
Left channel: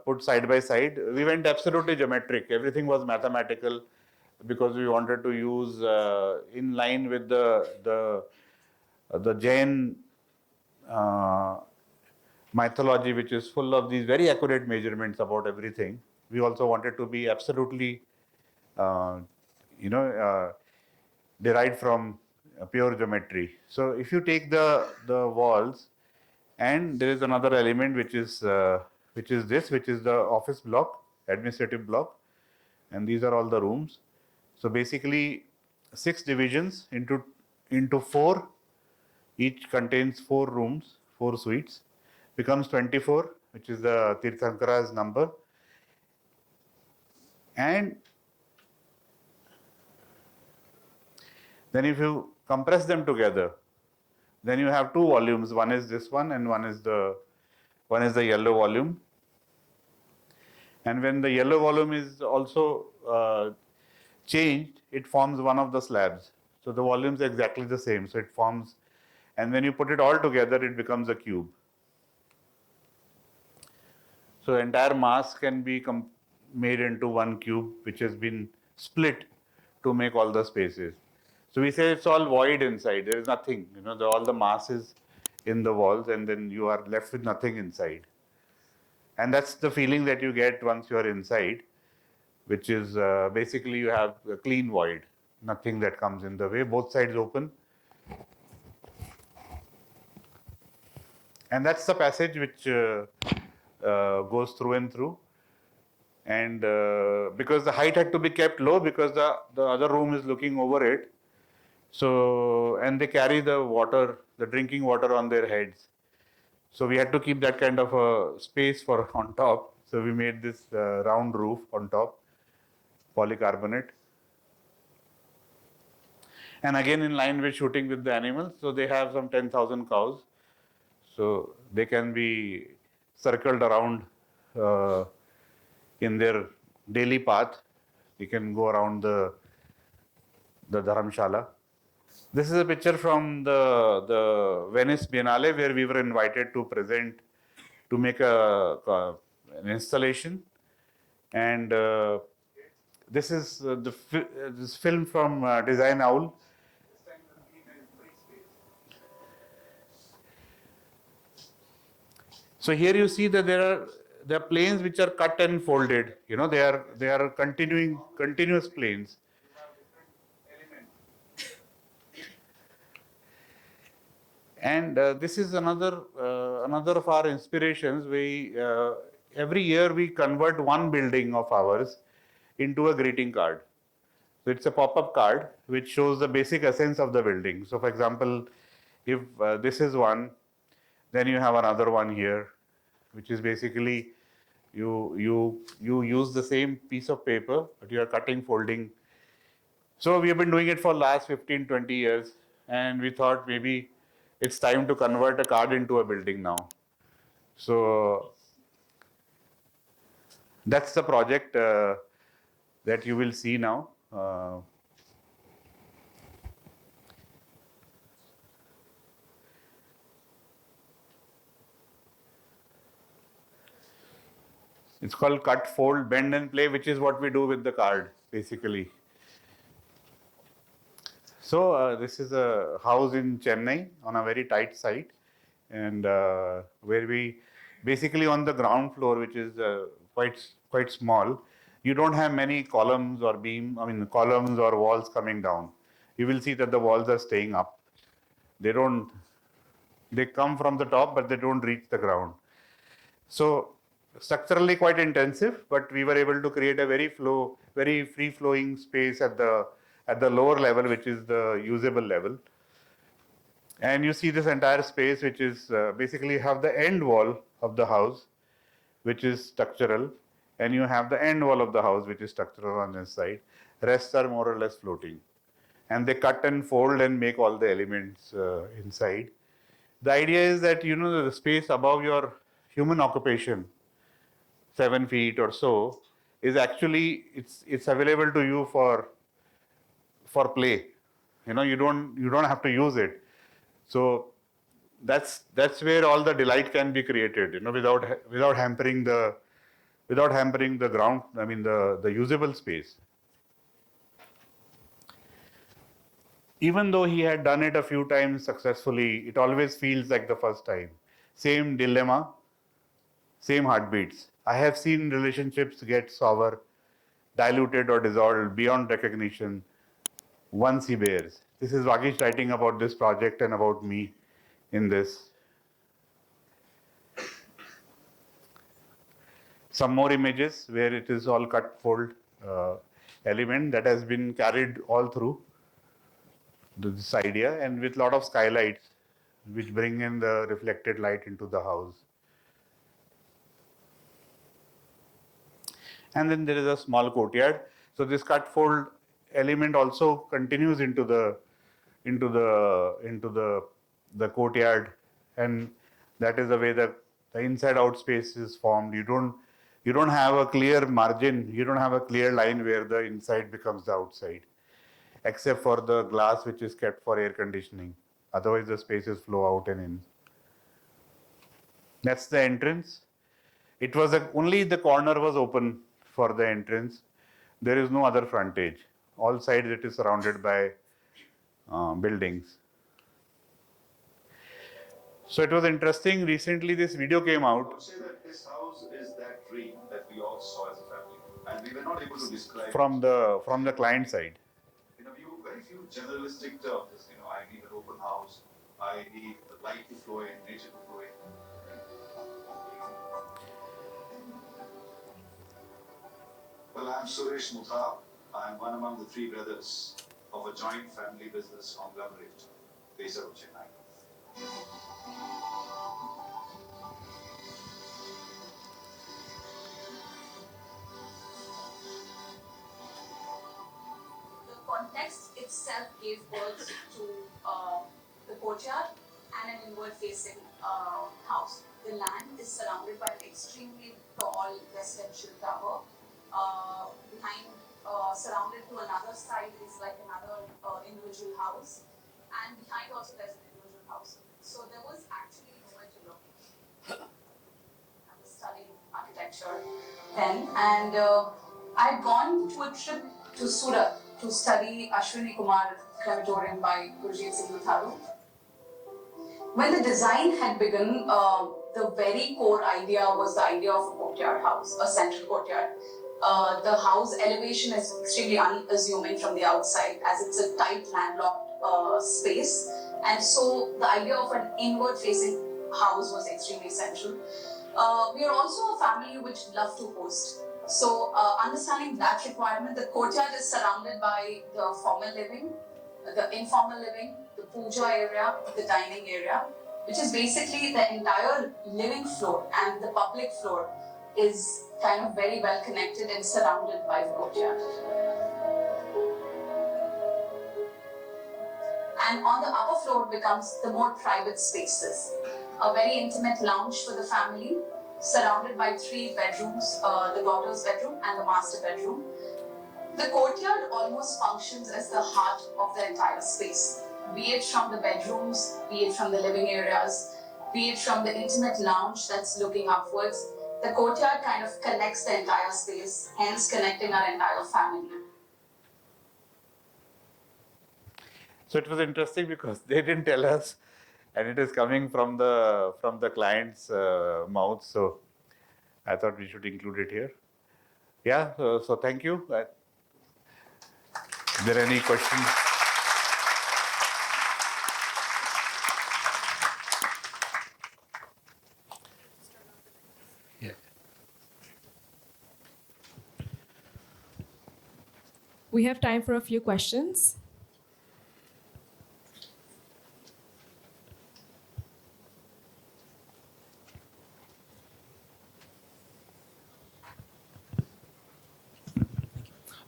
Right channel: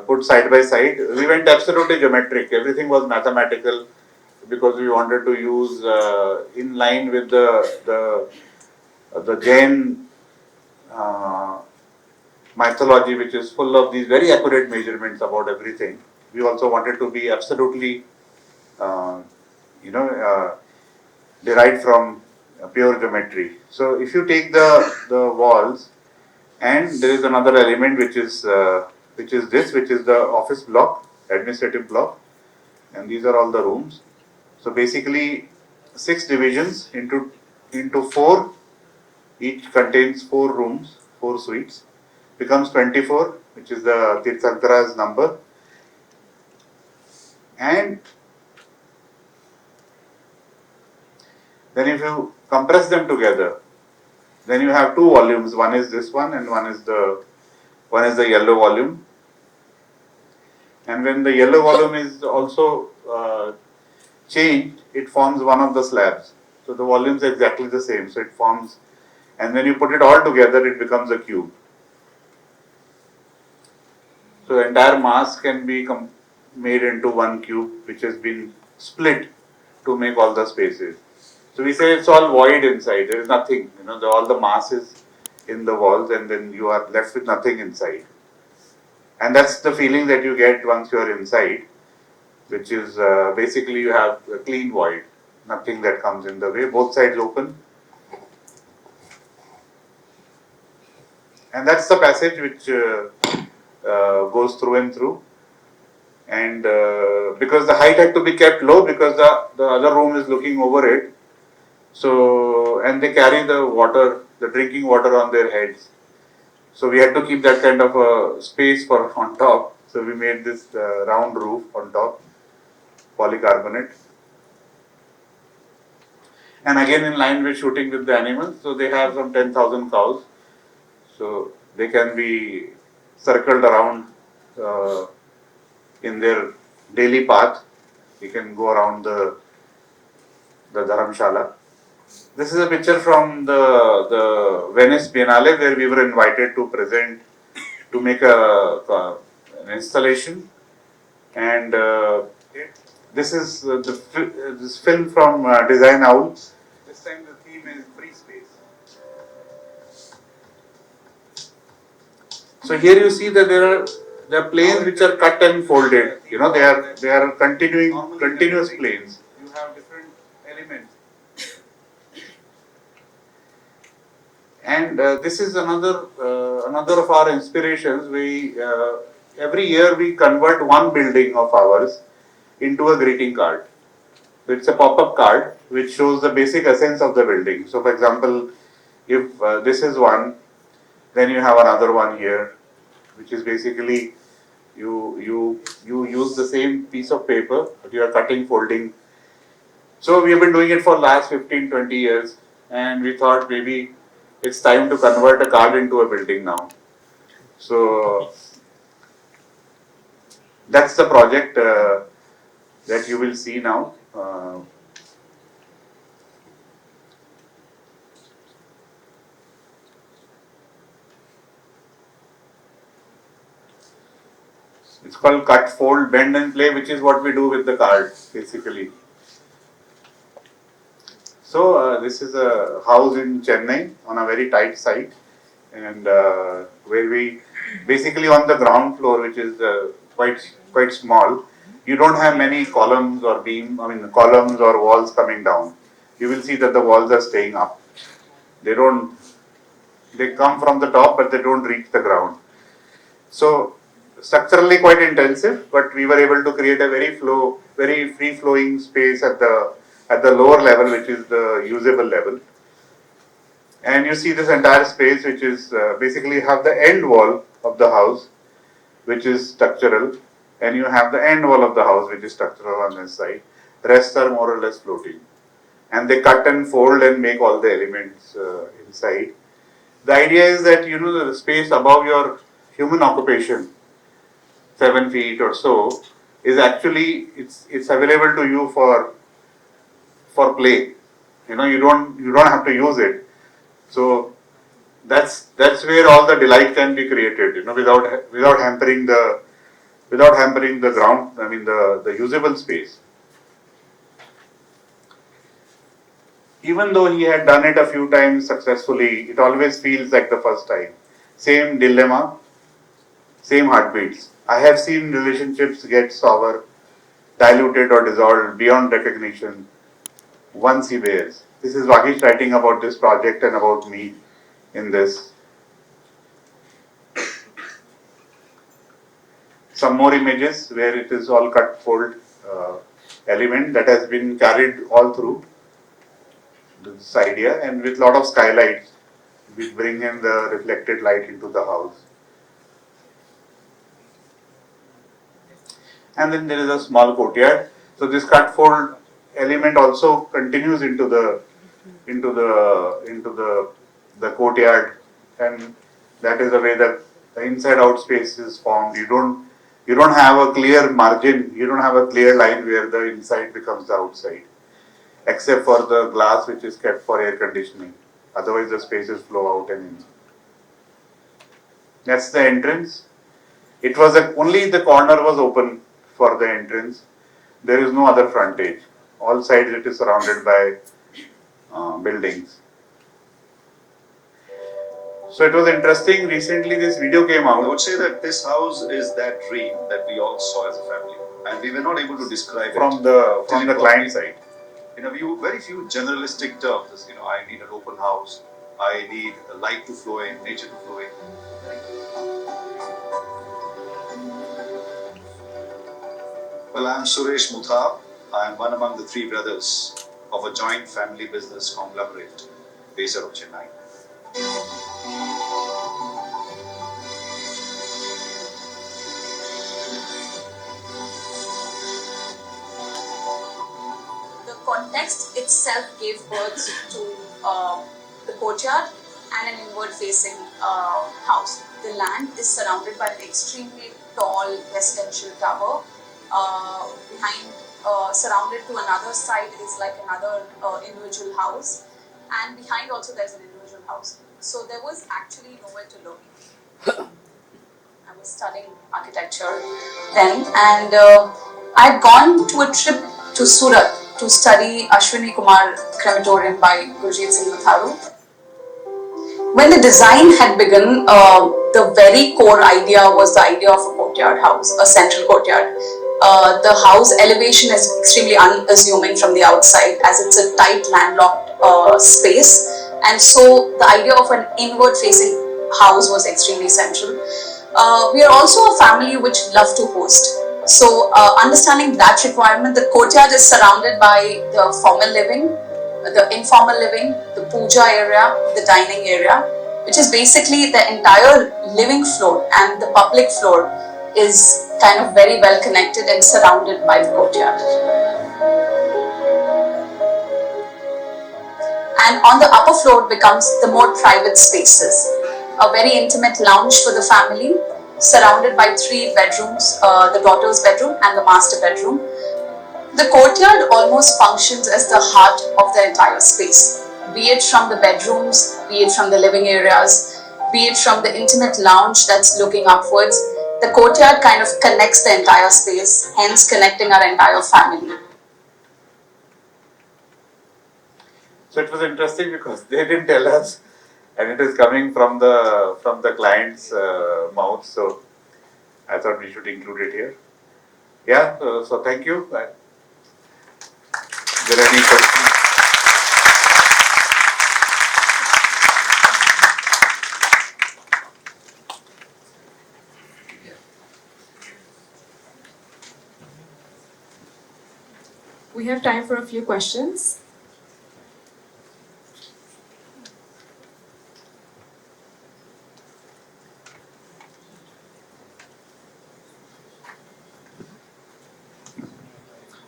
put side by side, we went absolutely geometric. Everything was mathematical because we wanted to use in line with the Jain mythology, which is full of these very accurate measurements about everything. We also wanted to be absolutely, derived from pure geometry. So if you take the walls, and there is another element which is the office block, administrative block, and these are all the rooms. So basically 6 divisions into 4, each contains 4 rooms, 4 suites, becomes 24, which is the Tirthankara's number. And then if you compress them together, then you have 2 volumes. One is this one, and one is the yellow volume. And when the yellow volume is also changed, it forms one of the slabs. So the volume is exactly the same. So it forms, and when you put it all together, it becomes a cube. So the entire mass can be made into one cube, which has been split to make all the spaces. So we say it's all void inside. There is nothing. All the mass is in the walls, and then you are left with nothing inside. And that's the feeling that you get once you are inside, which is basically you have a clean void, nothing that comes in the way. Both sides open. And that's the passage which goes through and through. And because the height had to be kept low because the other room is looking over it. So, and they carry the water the drinking water on their heads. So we had to keep that kind of a space for on top. So we made this round roof on top, polycarbonate. And again in line with shooting with the animals, so they have some 10,000 cows. So they can be circled around in their daily path. You can go around the dharamshala. This is a picture from the Venice Biennale where we were invited to present, to make an installation. And this is this film from Design Owl. This time the theme is free space. So here you see that there are planes which are cut and folded. You know, they are continuous planes. You have different elements. And this is another of our inspirations. We every year we convert one building of ours into a greeting card. So it's a pop-up card which shows the basic essence of the building. So for example, if this is one, then you have another one here, which is basically you use the same piece of paper, but you are cutting, folding. So we have been doing it for last 15-20 years, and we thought maybe it's time to convert a card into a building now. So that's the project that you will see now. It's called cut, fold, bend and play, which is what we do with the card basically. So this is a house in Chennai on a very tight site, and where we basically on the ground floor, which is quite small, you don't have many columns or columns or walls coming down. You will see that the walls are staying up. They come from the top, but they don't reach the ground. So structurally quite intensive, but we were able to create a very free flowing space at the lower level, which is the usable level. And you see this entire space, which is basically have the end wall of the house, which is structural, and you have the end wall of the house, which is structural on this side. The rest are more or less floating. And they cut and fold and make all the elements inside. The idea is that, you know, the space above your human occupation, 7 feet or so, is actually, it's available to you for play. You know, you don't have to use it. So that's where all the delight can be created, you know, without hampering the ground, the usable space. Even though he had done it a few times successfully, it always feels like the first time. Same dilemma, same heartbeats. I have seen relationships get sour, diluted or dissolved beyond recognition once he bears. This is Vagish writing about this project and about me in this. Some more images where it is all cut fold element that has been carried all through this idea, and with lot of skylights which bring in the reflected light into the house. And then there is a small courtyard. So this cut fold element also continues into the courtyard, and that is the way that the inside out space is formed. You don't have a clear margin, you don't have a clear line where the inside becomes the outside, except for the glass which is kept for air conditioning. Otherwise the spaces flow out and in. That's the entrance. It was only the corner was open for the entrance. There is no other frontage. All sides it is surrounded by buildings. So it was interesting. Recently this video came out. I would say that this house is that dream that we all saw as a family, and we were not able to describe from it the client side. In a very few generalistic terms. You know, I need an open house. I need the light to flow in, nature to flow in. Well, I'm Suresh Mutha. I am one among the three brothers of a joint family business conglomerate based out of Chennai. Next, itself gave birth to the courtyard and an inward-facing house. The land is surrounded by an extremely tall residential tower. Behind, surrounded to another side is like another individual house, and behind also there's an individual house. So there was actually nowhere to look. I was studying architecture then, and I had gone to a trip to Surat to study Ashwini Kumar crematorium by Gurjeet Singh Matharoo. When the design had begun, the very core idea was the idea of a courtyard house, a central courtyard. The house elevation is extremely unassuming from the outside, as it's a tight landlocked space, and so the idea of an inward-facing house was extremely central. We are also a family which love to host. So, understanding that requirement, the courtyard is surrounded by the formal living, the informal living, the puja area, the dining area, which is basically the entire living floor, and the public floor is kind of very well connected and surrounded by the courtyard. And on the upper floor becomes the more private spaces, a very intimate lounge for the family, surrounded by 3 bedrooms, the daughter's bedroom and the master bedroom. The courtyard almost functions as the heart of the entire space, be it from the bedrooms, be it from the living areas, be it from the intimate lounge that's looking upwards. The courtyard kind of connects the entire space, hence connecting our entire family. So it was interesting because they didn't tell us, and it is coming from the client's mouth. So I thought we should include it here. Yeah. So thank you. Is there any questions? Yeah. We have time for a few questions.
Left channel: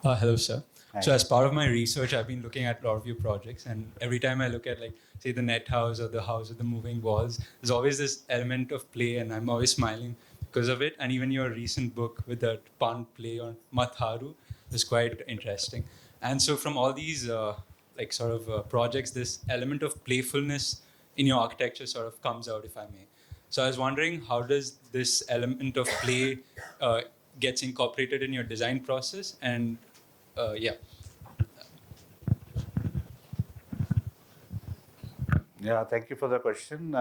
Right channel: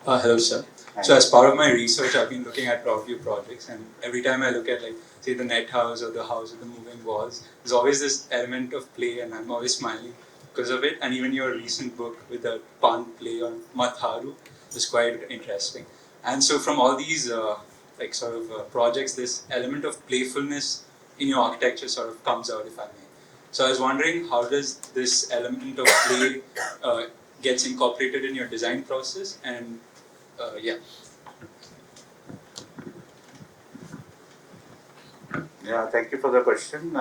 Hello, sir. So as part of my research, I've been looking at a lot of your projects, and every time I look at, like, say, the net house or the house with the moving walls, there's always this element of play, and I'm always smiling because of it. And even your recent book with the pun play on Mat-haroo is quite interesting. And so from all these projects, this element of playfulness in your architecture sort of comes out, if I may. So I was wondering, how does this element of play gets incorporated in your design process? And yeah. Yeah, thank you for the question.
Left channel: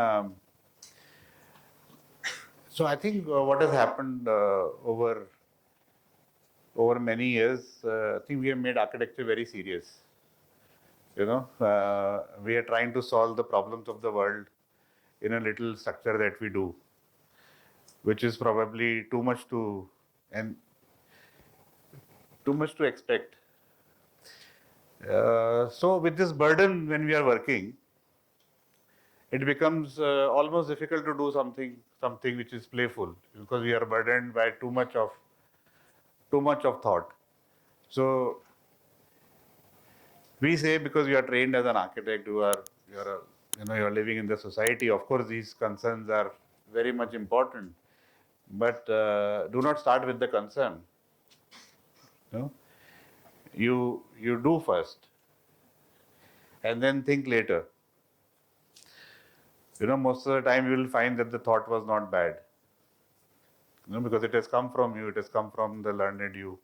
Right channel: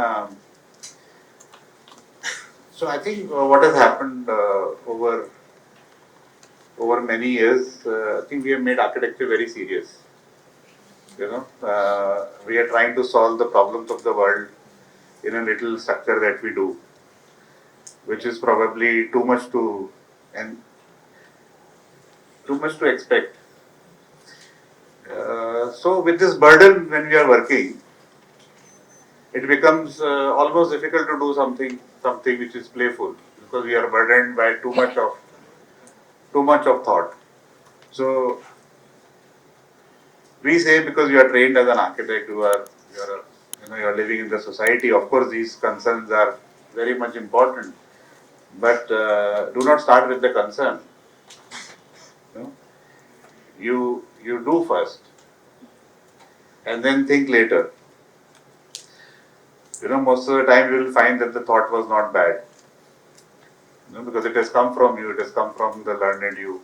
So I think what has happened over many years, I think we have made architecture very serious. We are trying to solve the problems of the world in a little structure that we do, which is probably too much to expect. So with this burden, when we are working, it becomes almost difficult to do something which is playful, because we are burdened by too much of thought. So we say, because you are trained as an architect, you are living in the society. Of course, these concerns are very much important, but do not start with the concern. You do first, and then think later. Most of the time you will find that the thought was not bad, because it has come from you, it has come from the learned you.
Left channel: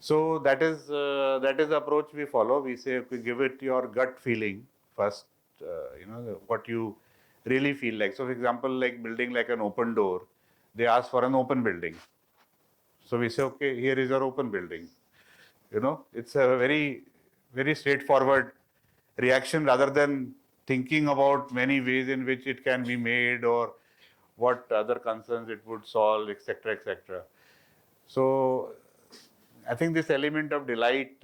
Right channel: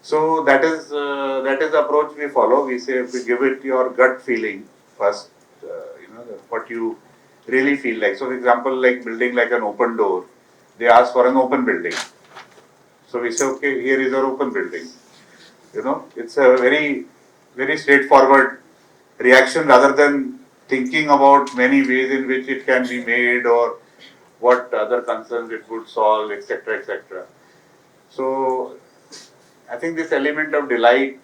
So that is the approach we follow. We say, we give it your gut feeling first, what you really feel like. So for example, like building like an open door, they ask for an open building. So we say, okay, here is our open building. It's a very, very straightforward reaction, rather than thinking about many ways in which it can be made or what other concerns it would solve, etc., etc. So I think this element of delight,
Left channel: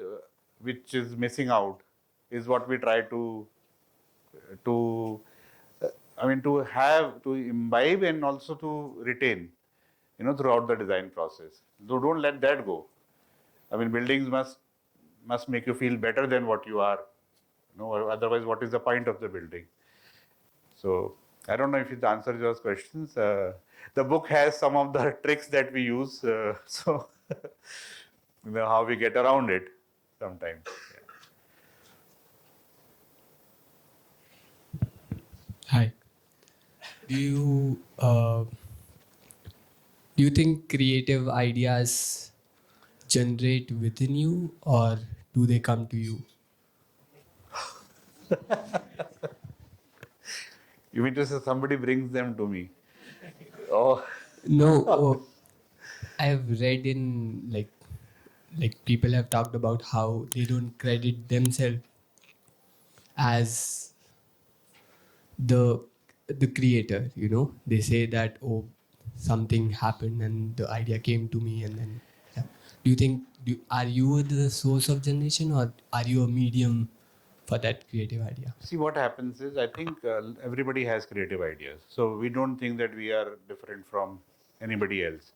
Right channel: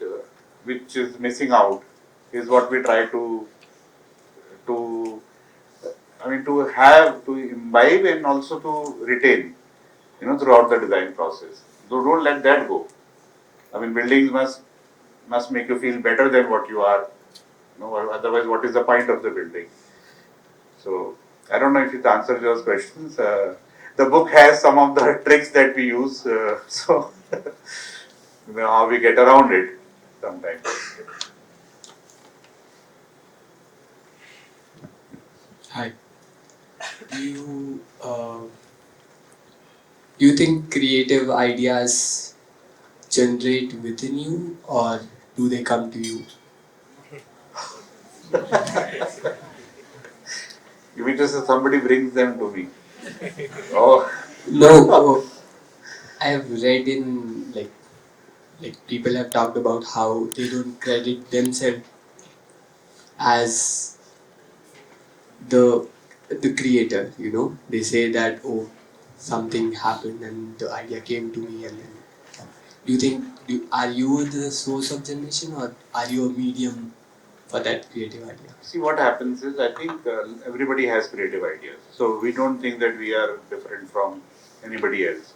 which is missing out, is what we try to imbibe and also to retain, throughout the design process. So don't let that go. Buildings must must make you feel better than what you are. Or otherwise, what is the point of the building? So I don't know if it answers those questions. The book has some of the tricks that we use, so how we get around it sometimes. Hi. Do you think creative ideas generate within you, or do they come to you? You mean to say somebody brings them to me? Oh, No, I have read in like people have talked about how they don't credit themselves as the creator. They say that, oh, something happened and the idea came to me, and then do you think are you the source of generation, or are you a medium for that creative idea? see what happens is I think everybody has creative ideas. So we don't think that we are different from anybody else.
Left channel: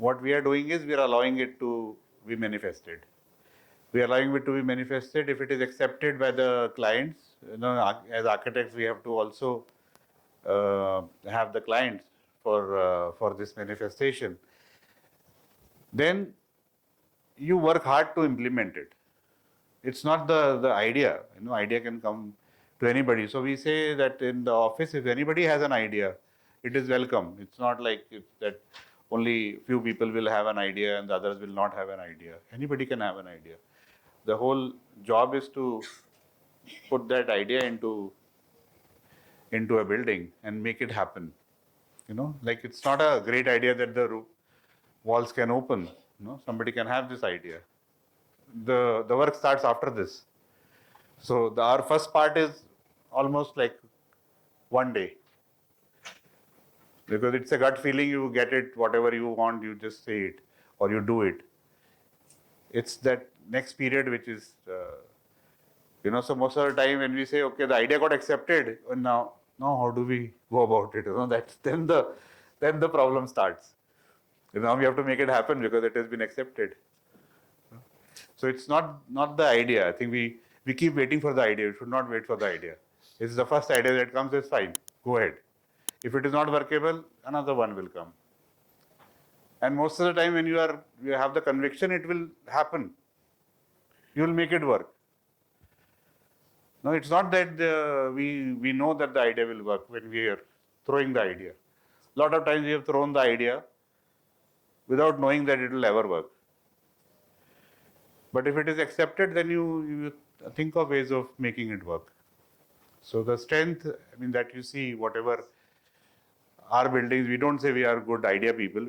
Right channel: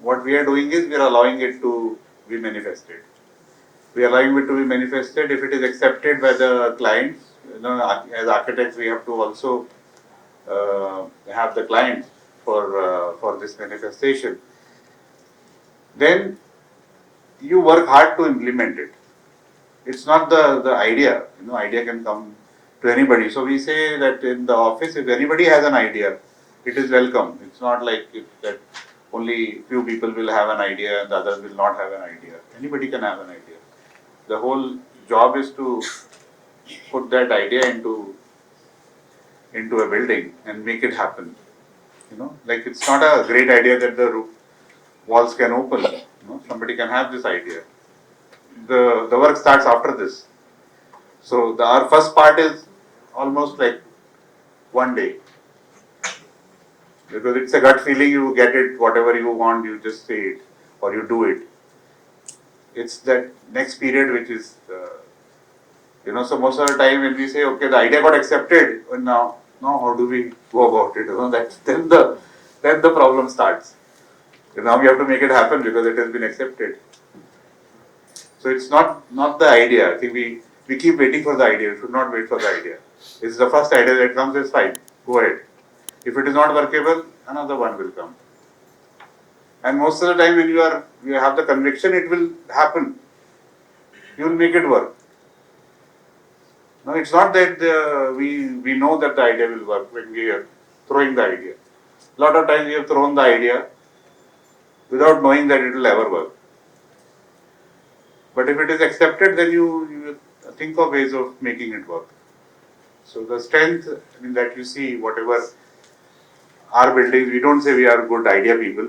What we are doing is we are allowing it to be manifested. We are allowing it to be manifested. If it is accepted by the clients, as architects, we have to also have the clients for this manifestation. Then you work hard to implement it. It's not the idea. Idea can come to anybody. So we say that in the office, if anybody has an idea, it is welcome. It's not like that only few people will have an idea and the others will not have an idea. Anybody can have an idea. The whole job is to put that idea into a building and make it happen. Like it's not a great idea that the walls can open. Somebody can have this idea. The work starts after this. So our first part is almost like one day. Because it's a gut feeling, you get it, whatever you want, you just say it or you do it. It's that next period which is, so most of the time when we say, okay, the idea got accepted, now how do we go about it? Then the problem starts. Now we have to make it happen because it has been accepted. So it's not the idea. I think we keep waiting for the idea. We should not wait for the idea. It's the first idea that comes, is fine. Go ahead. If it is not workable, another one will come. And most of the time when you have the conviction it will happen, you will make it work. No, it's not that we know that the idea will work when we are throwing the idea. A lot of times we have thrown the idea without knowing that it will ever work. But if it is accepted, then you think of ways of making it work. So the strength that you see, whatever our buildings, we don't say we are good idea people,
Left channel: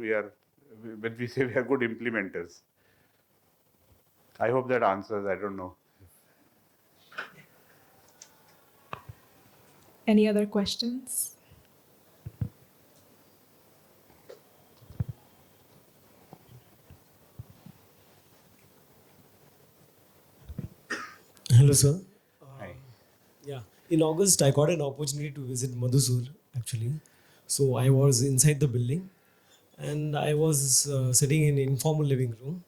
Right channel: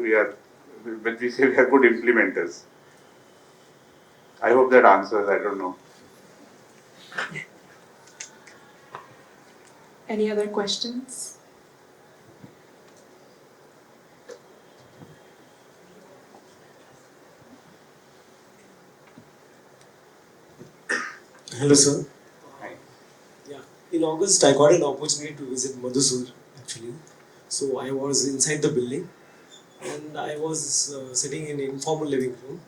but we say we are good implementers. I hope that answers, I don't know. Any other questions? Hello, sir. Hi. Yeah. In August, I got an opportunity to visit Madhusur, actually. So I was inside the building, and I was sitting in an informal living room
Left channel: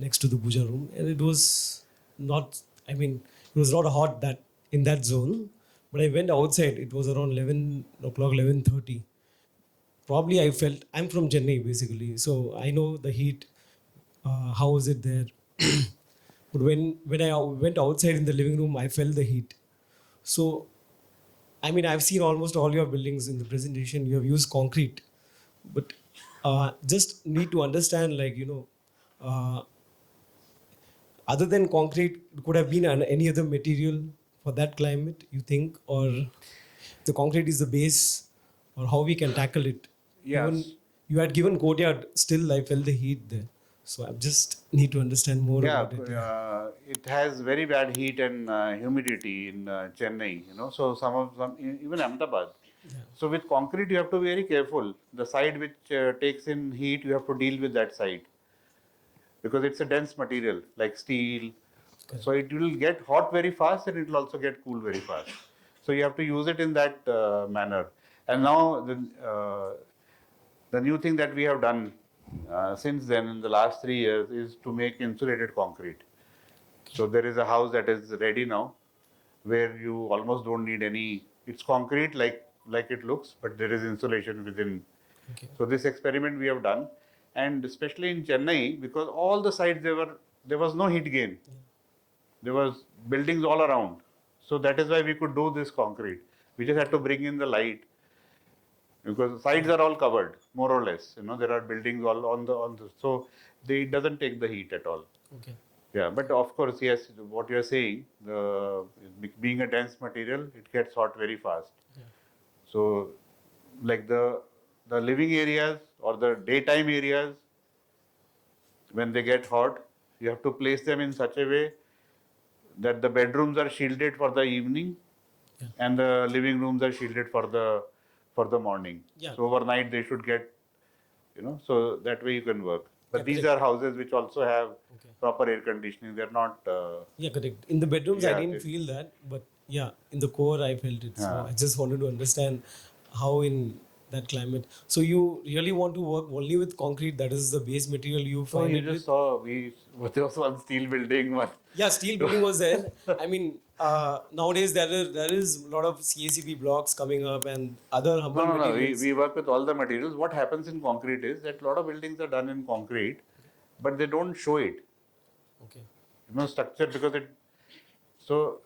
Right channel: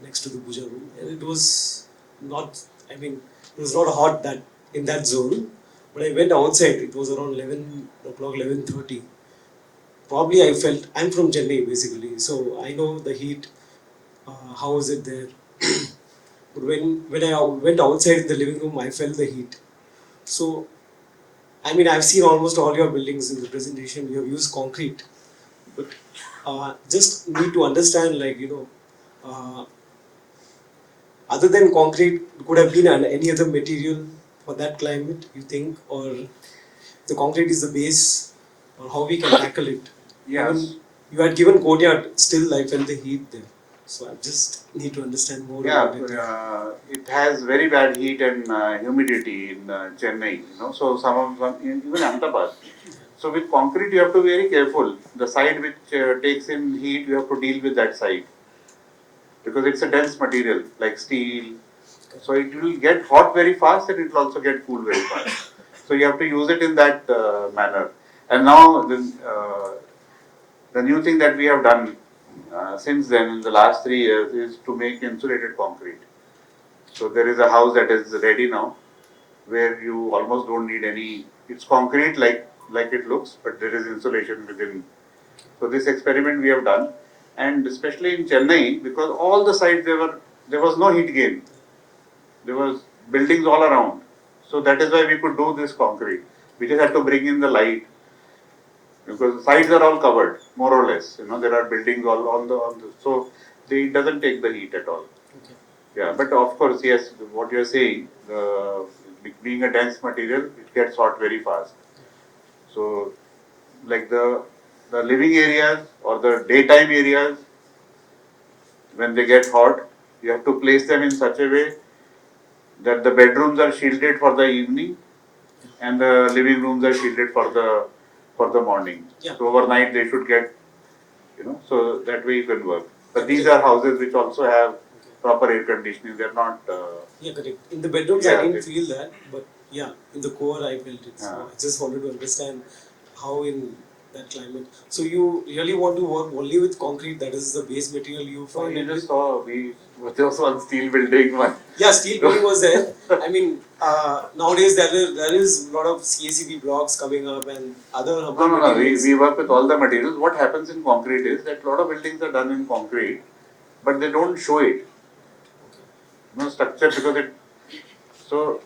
next to the puja room, and it was not. It was not hot that in that zone. But I went outside. It was around 11 o'clock, 11:30. Probably I felt I'm from Chennai basically, so I know the heat. How was it there? But when I went outside in the living room, I felt the heat. So, I've seen almost all your buildings in the presentation. You have used concrete, but just need to understand, other than concrete, could have been any other material for that climate, you think, or the concrete is the base, or how we can tackle it? Yes. Even you had given courtyard, still I felt the heat there. So I just need to understand more about it. It has very bad heat and humidity in Chennai. So even Ahmedabad. So with concrete, you have to be very careful. The side which takes in heat, you have to deal with that side because it's a dense material like steel. So it will get hot very fast and it will also get cool very fast. So you have to use it in that manner. And now the new thing that we have done since then in the last 3 years is to make insulated concrete. So there is a house that is ready now, where you almost don't need any. It's concrete like it looks, but there is insulation within. Okay. So this experiment we have done, and especially in Chennai, because all the sides there was no heat gain. There was buildings all around. So that is why we could do this concrete. We just had to bring in the light, because the sides are all covered, more or less. There are buildings all on the so it doesn't take the heat at all. Okay. Yeah, but of course, yes, what you are saying, being a dense material, it gets hot very fast. So, like the living areas or the daytime areas, when they get hot, you have to place them in such a way that the bedrooms are shielded for the evening and the living rooms are shielded for the morning. Yeah. So overnight they should get, so that way you can work. But these are houses which also have proper air conditioning. They're not. Yeah, correct. In the bedrooms, Yeah, I didn't feel that, but yeah, in the core, I felt it. So Yeah. I just wanted to understand how in that climate. So you really want to work only with concrete? That is the base material you So find you it just with? saw we was also on steel building one. Yeah, steel building was there. I mean, nowadays there is a lot of CACB blocks coming up and other urban No. materials. We work with all the materials. What happens in concrete is that a lot of buildings are done in concrete, but they don't show it. Okay. Structure because it. So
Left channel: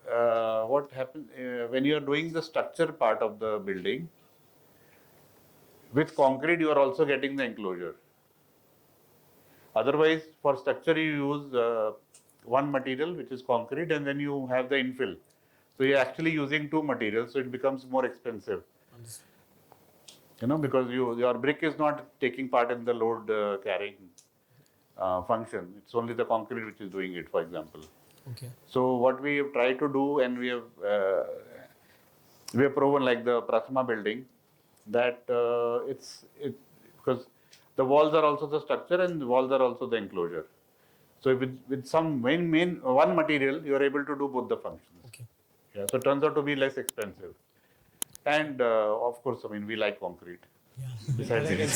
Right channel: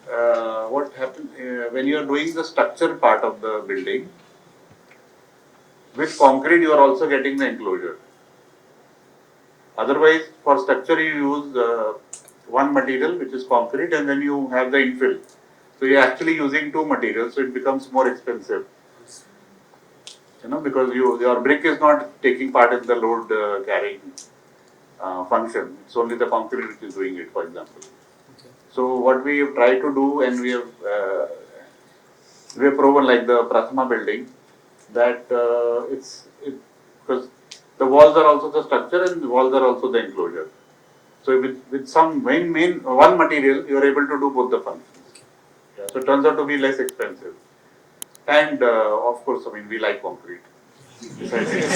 what happens when you are doing the structure part of the building with concrete, you are also getting the enclosure. Otherwise, for structure you use one material which is concrete, and then you have the infill. So you're actually using two materials, so it becomes more expensive. Because your brick is not taking part in the load carrying function. It's only the concrete which is doing it, for example. Okay. So what we try to do, and we have proven, like the Prathama building, that because the walls are also the structure and the walls are also the enclosure. So with some main one material, you are able to do both the functions. Okay. Yeah, so it turns out to be less expensive. And of course, we like concrete. Besides it.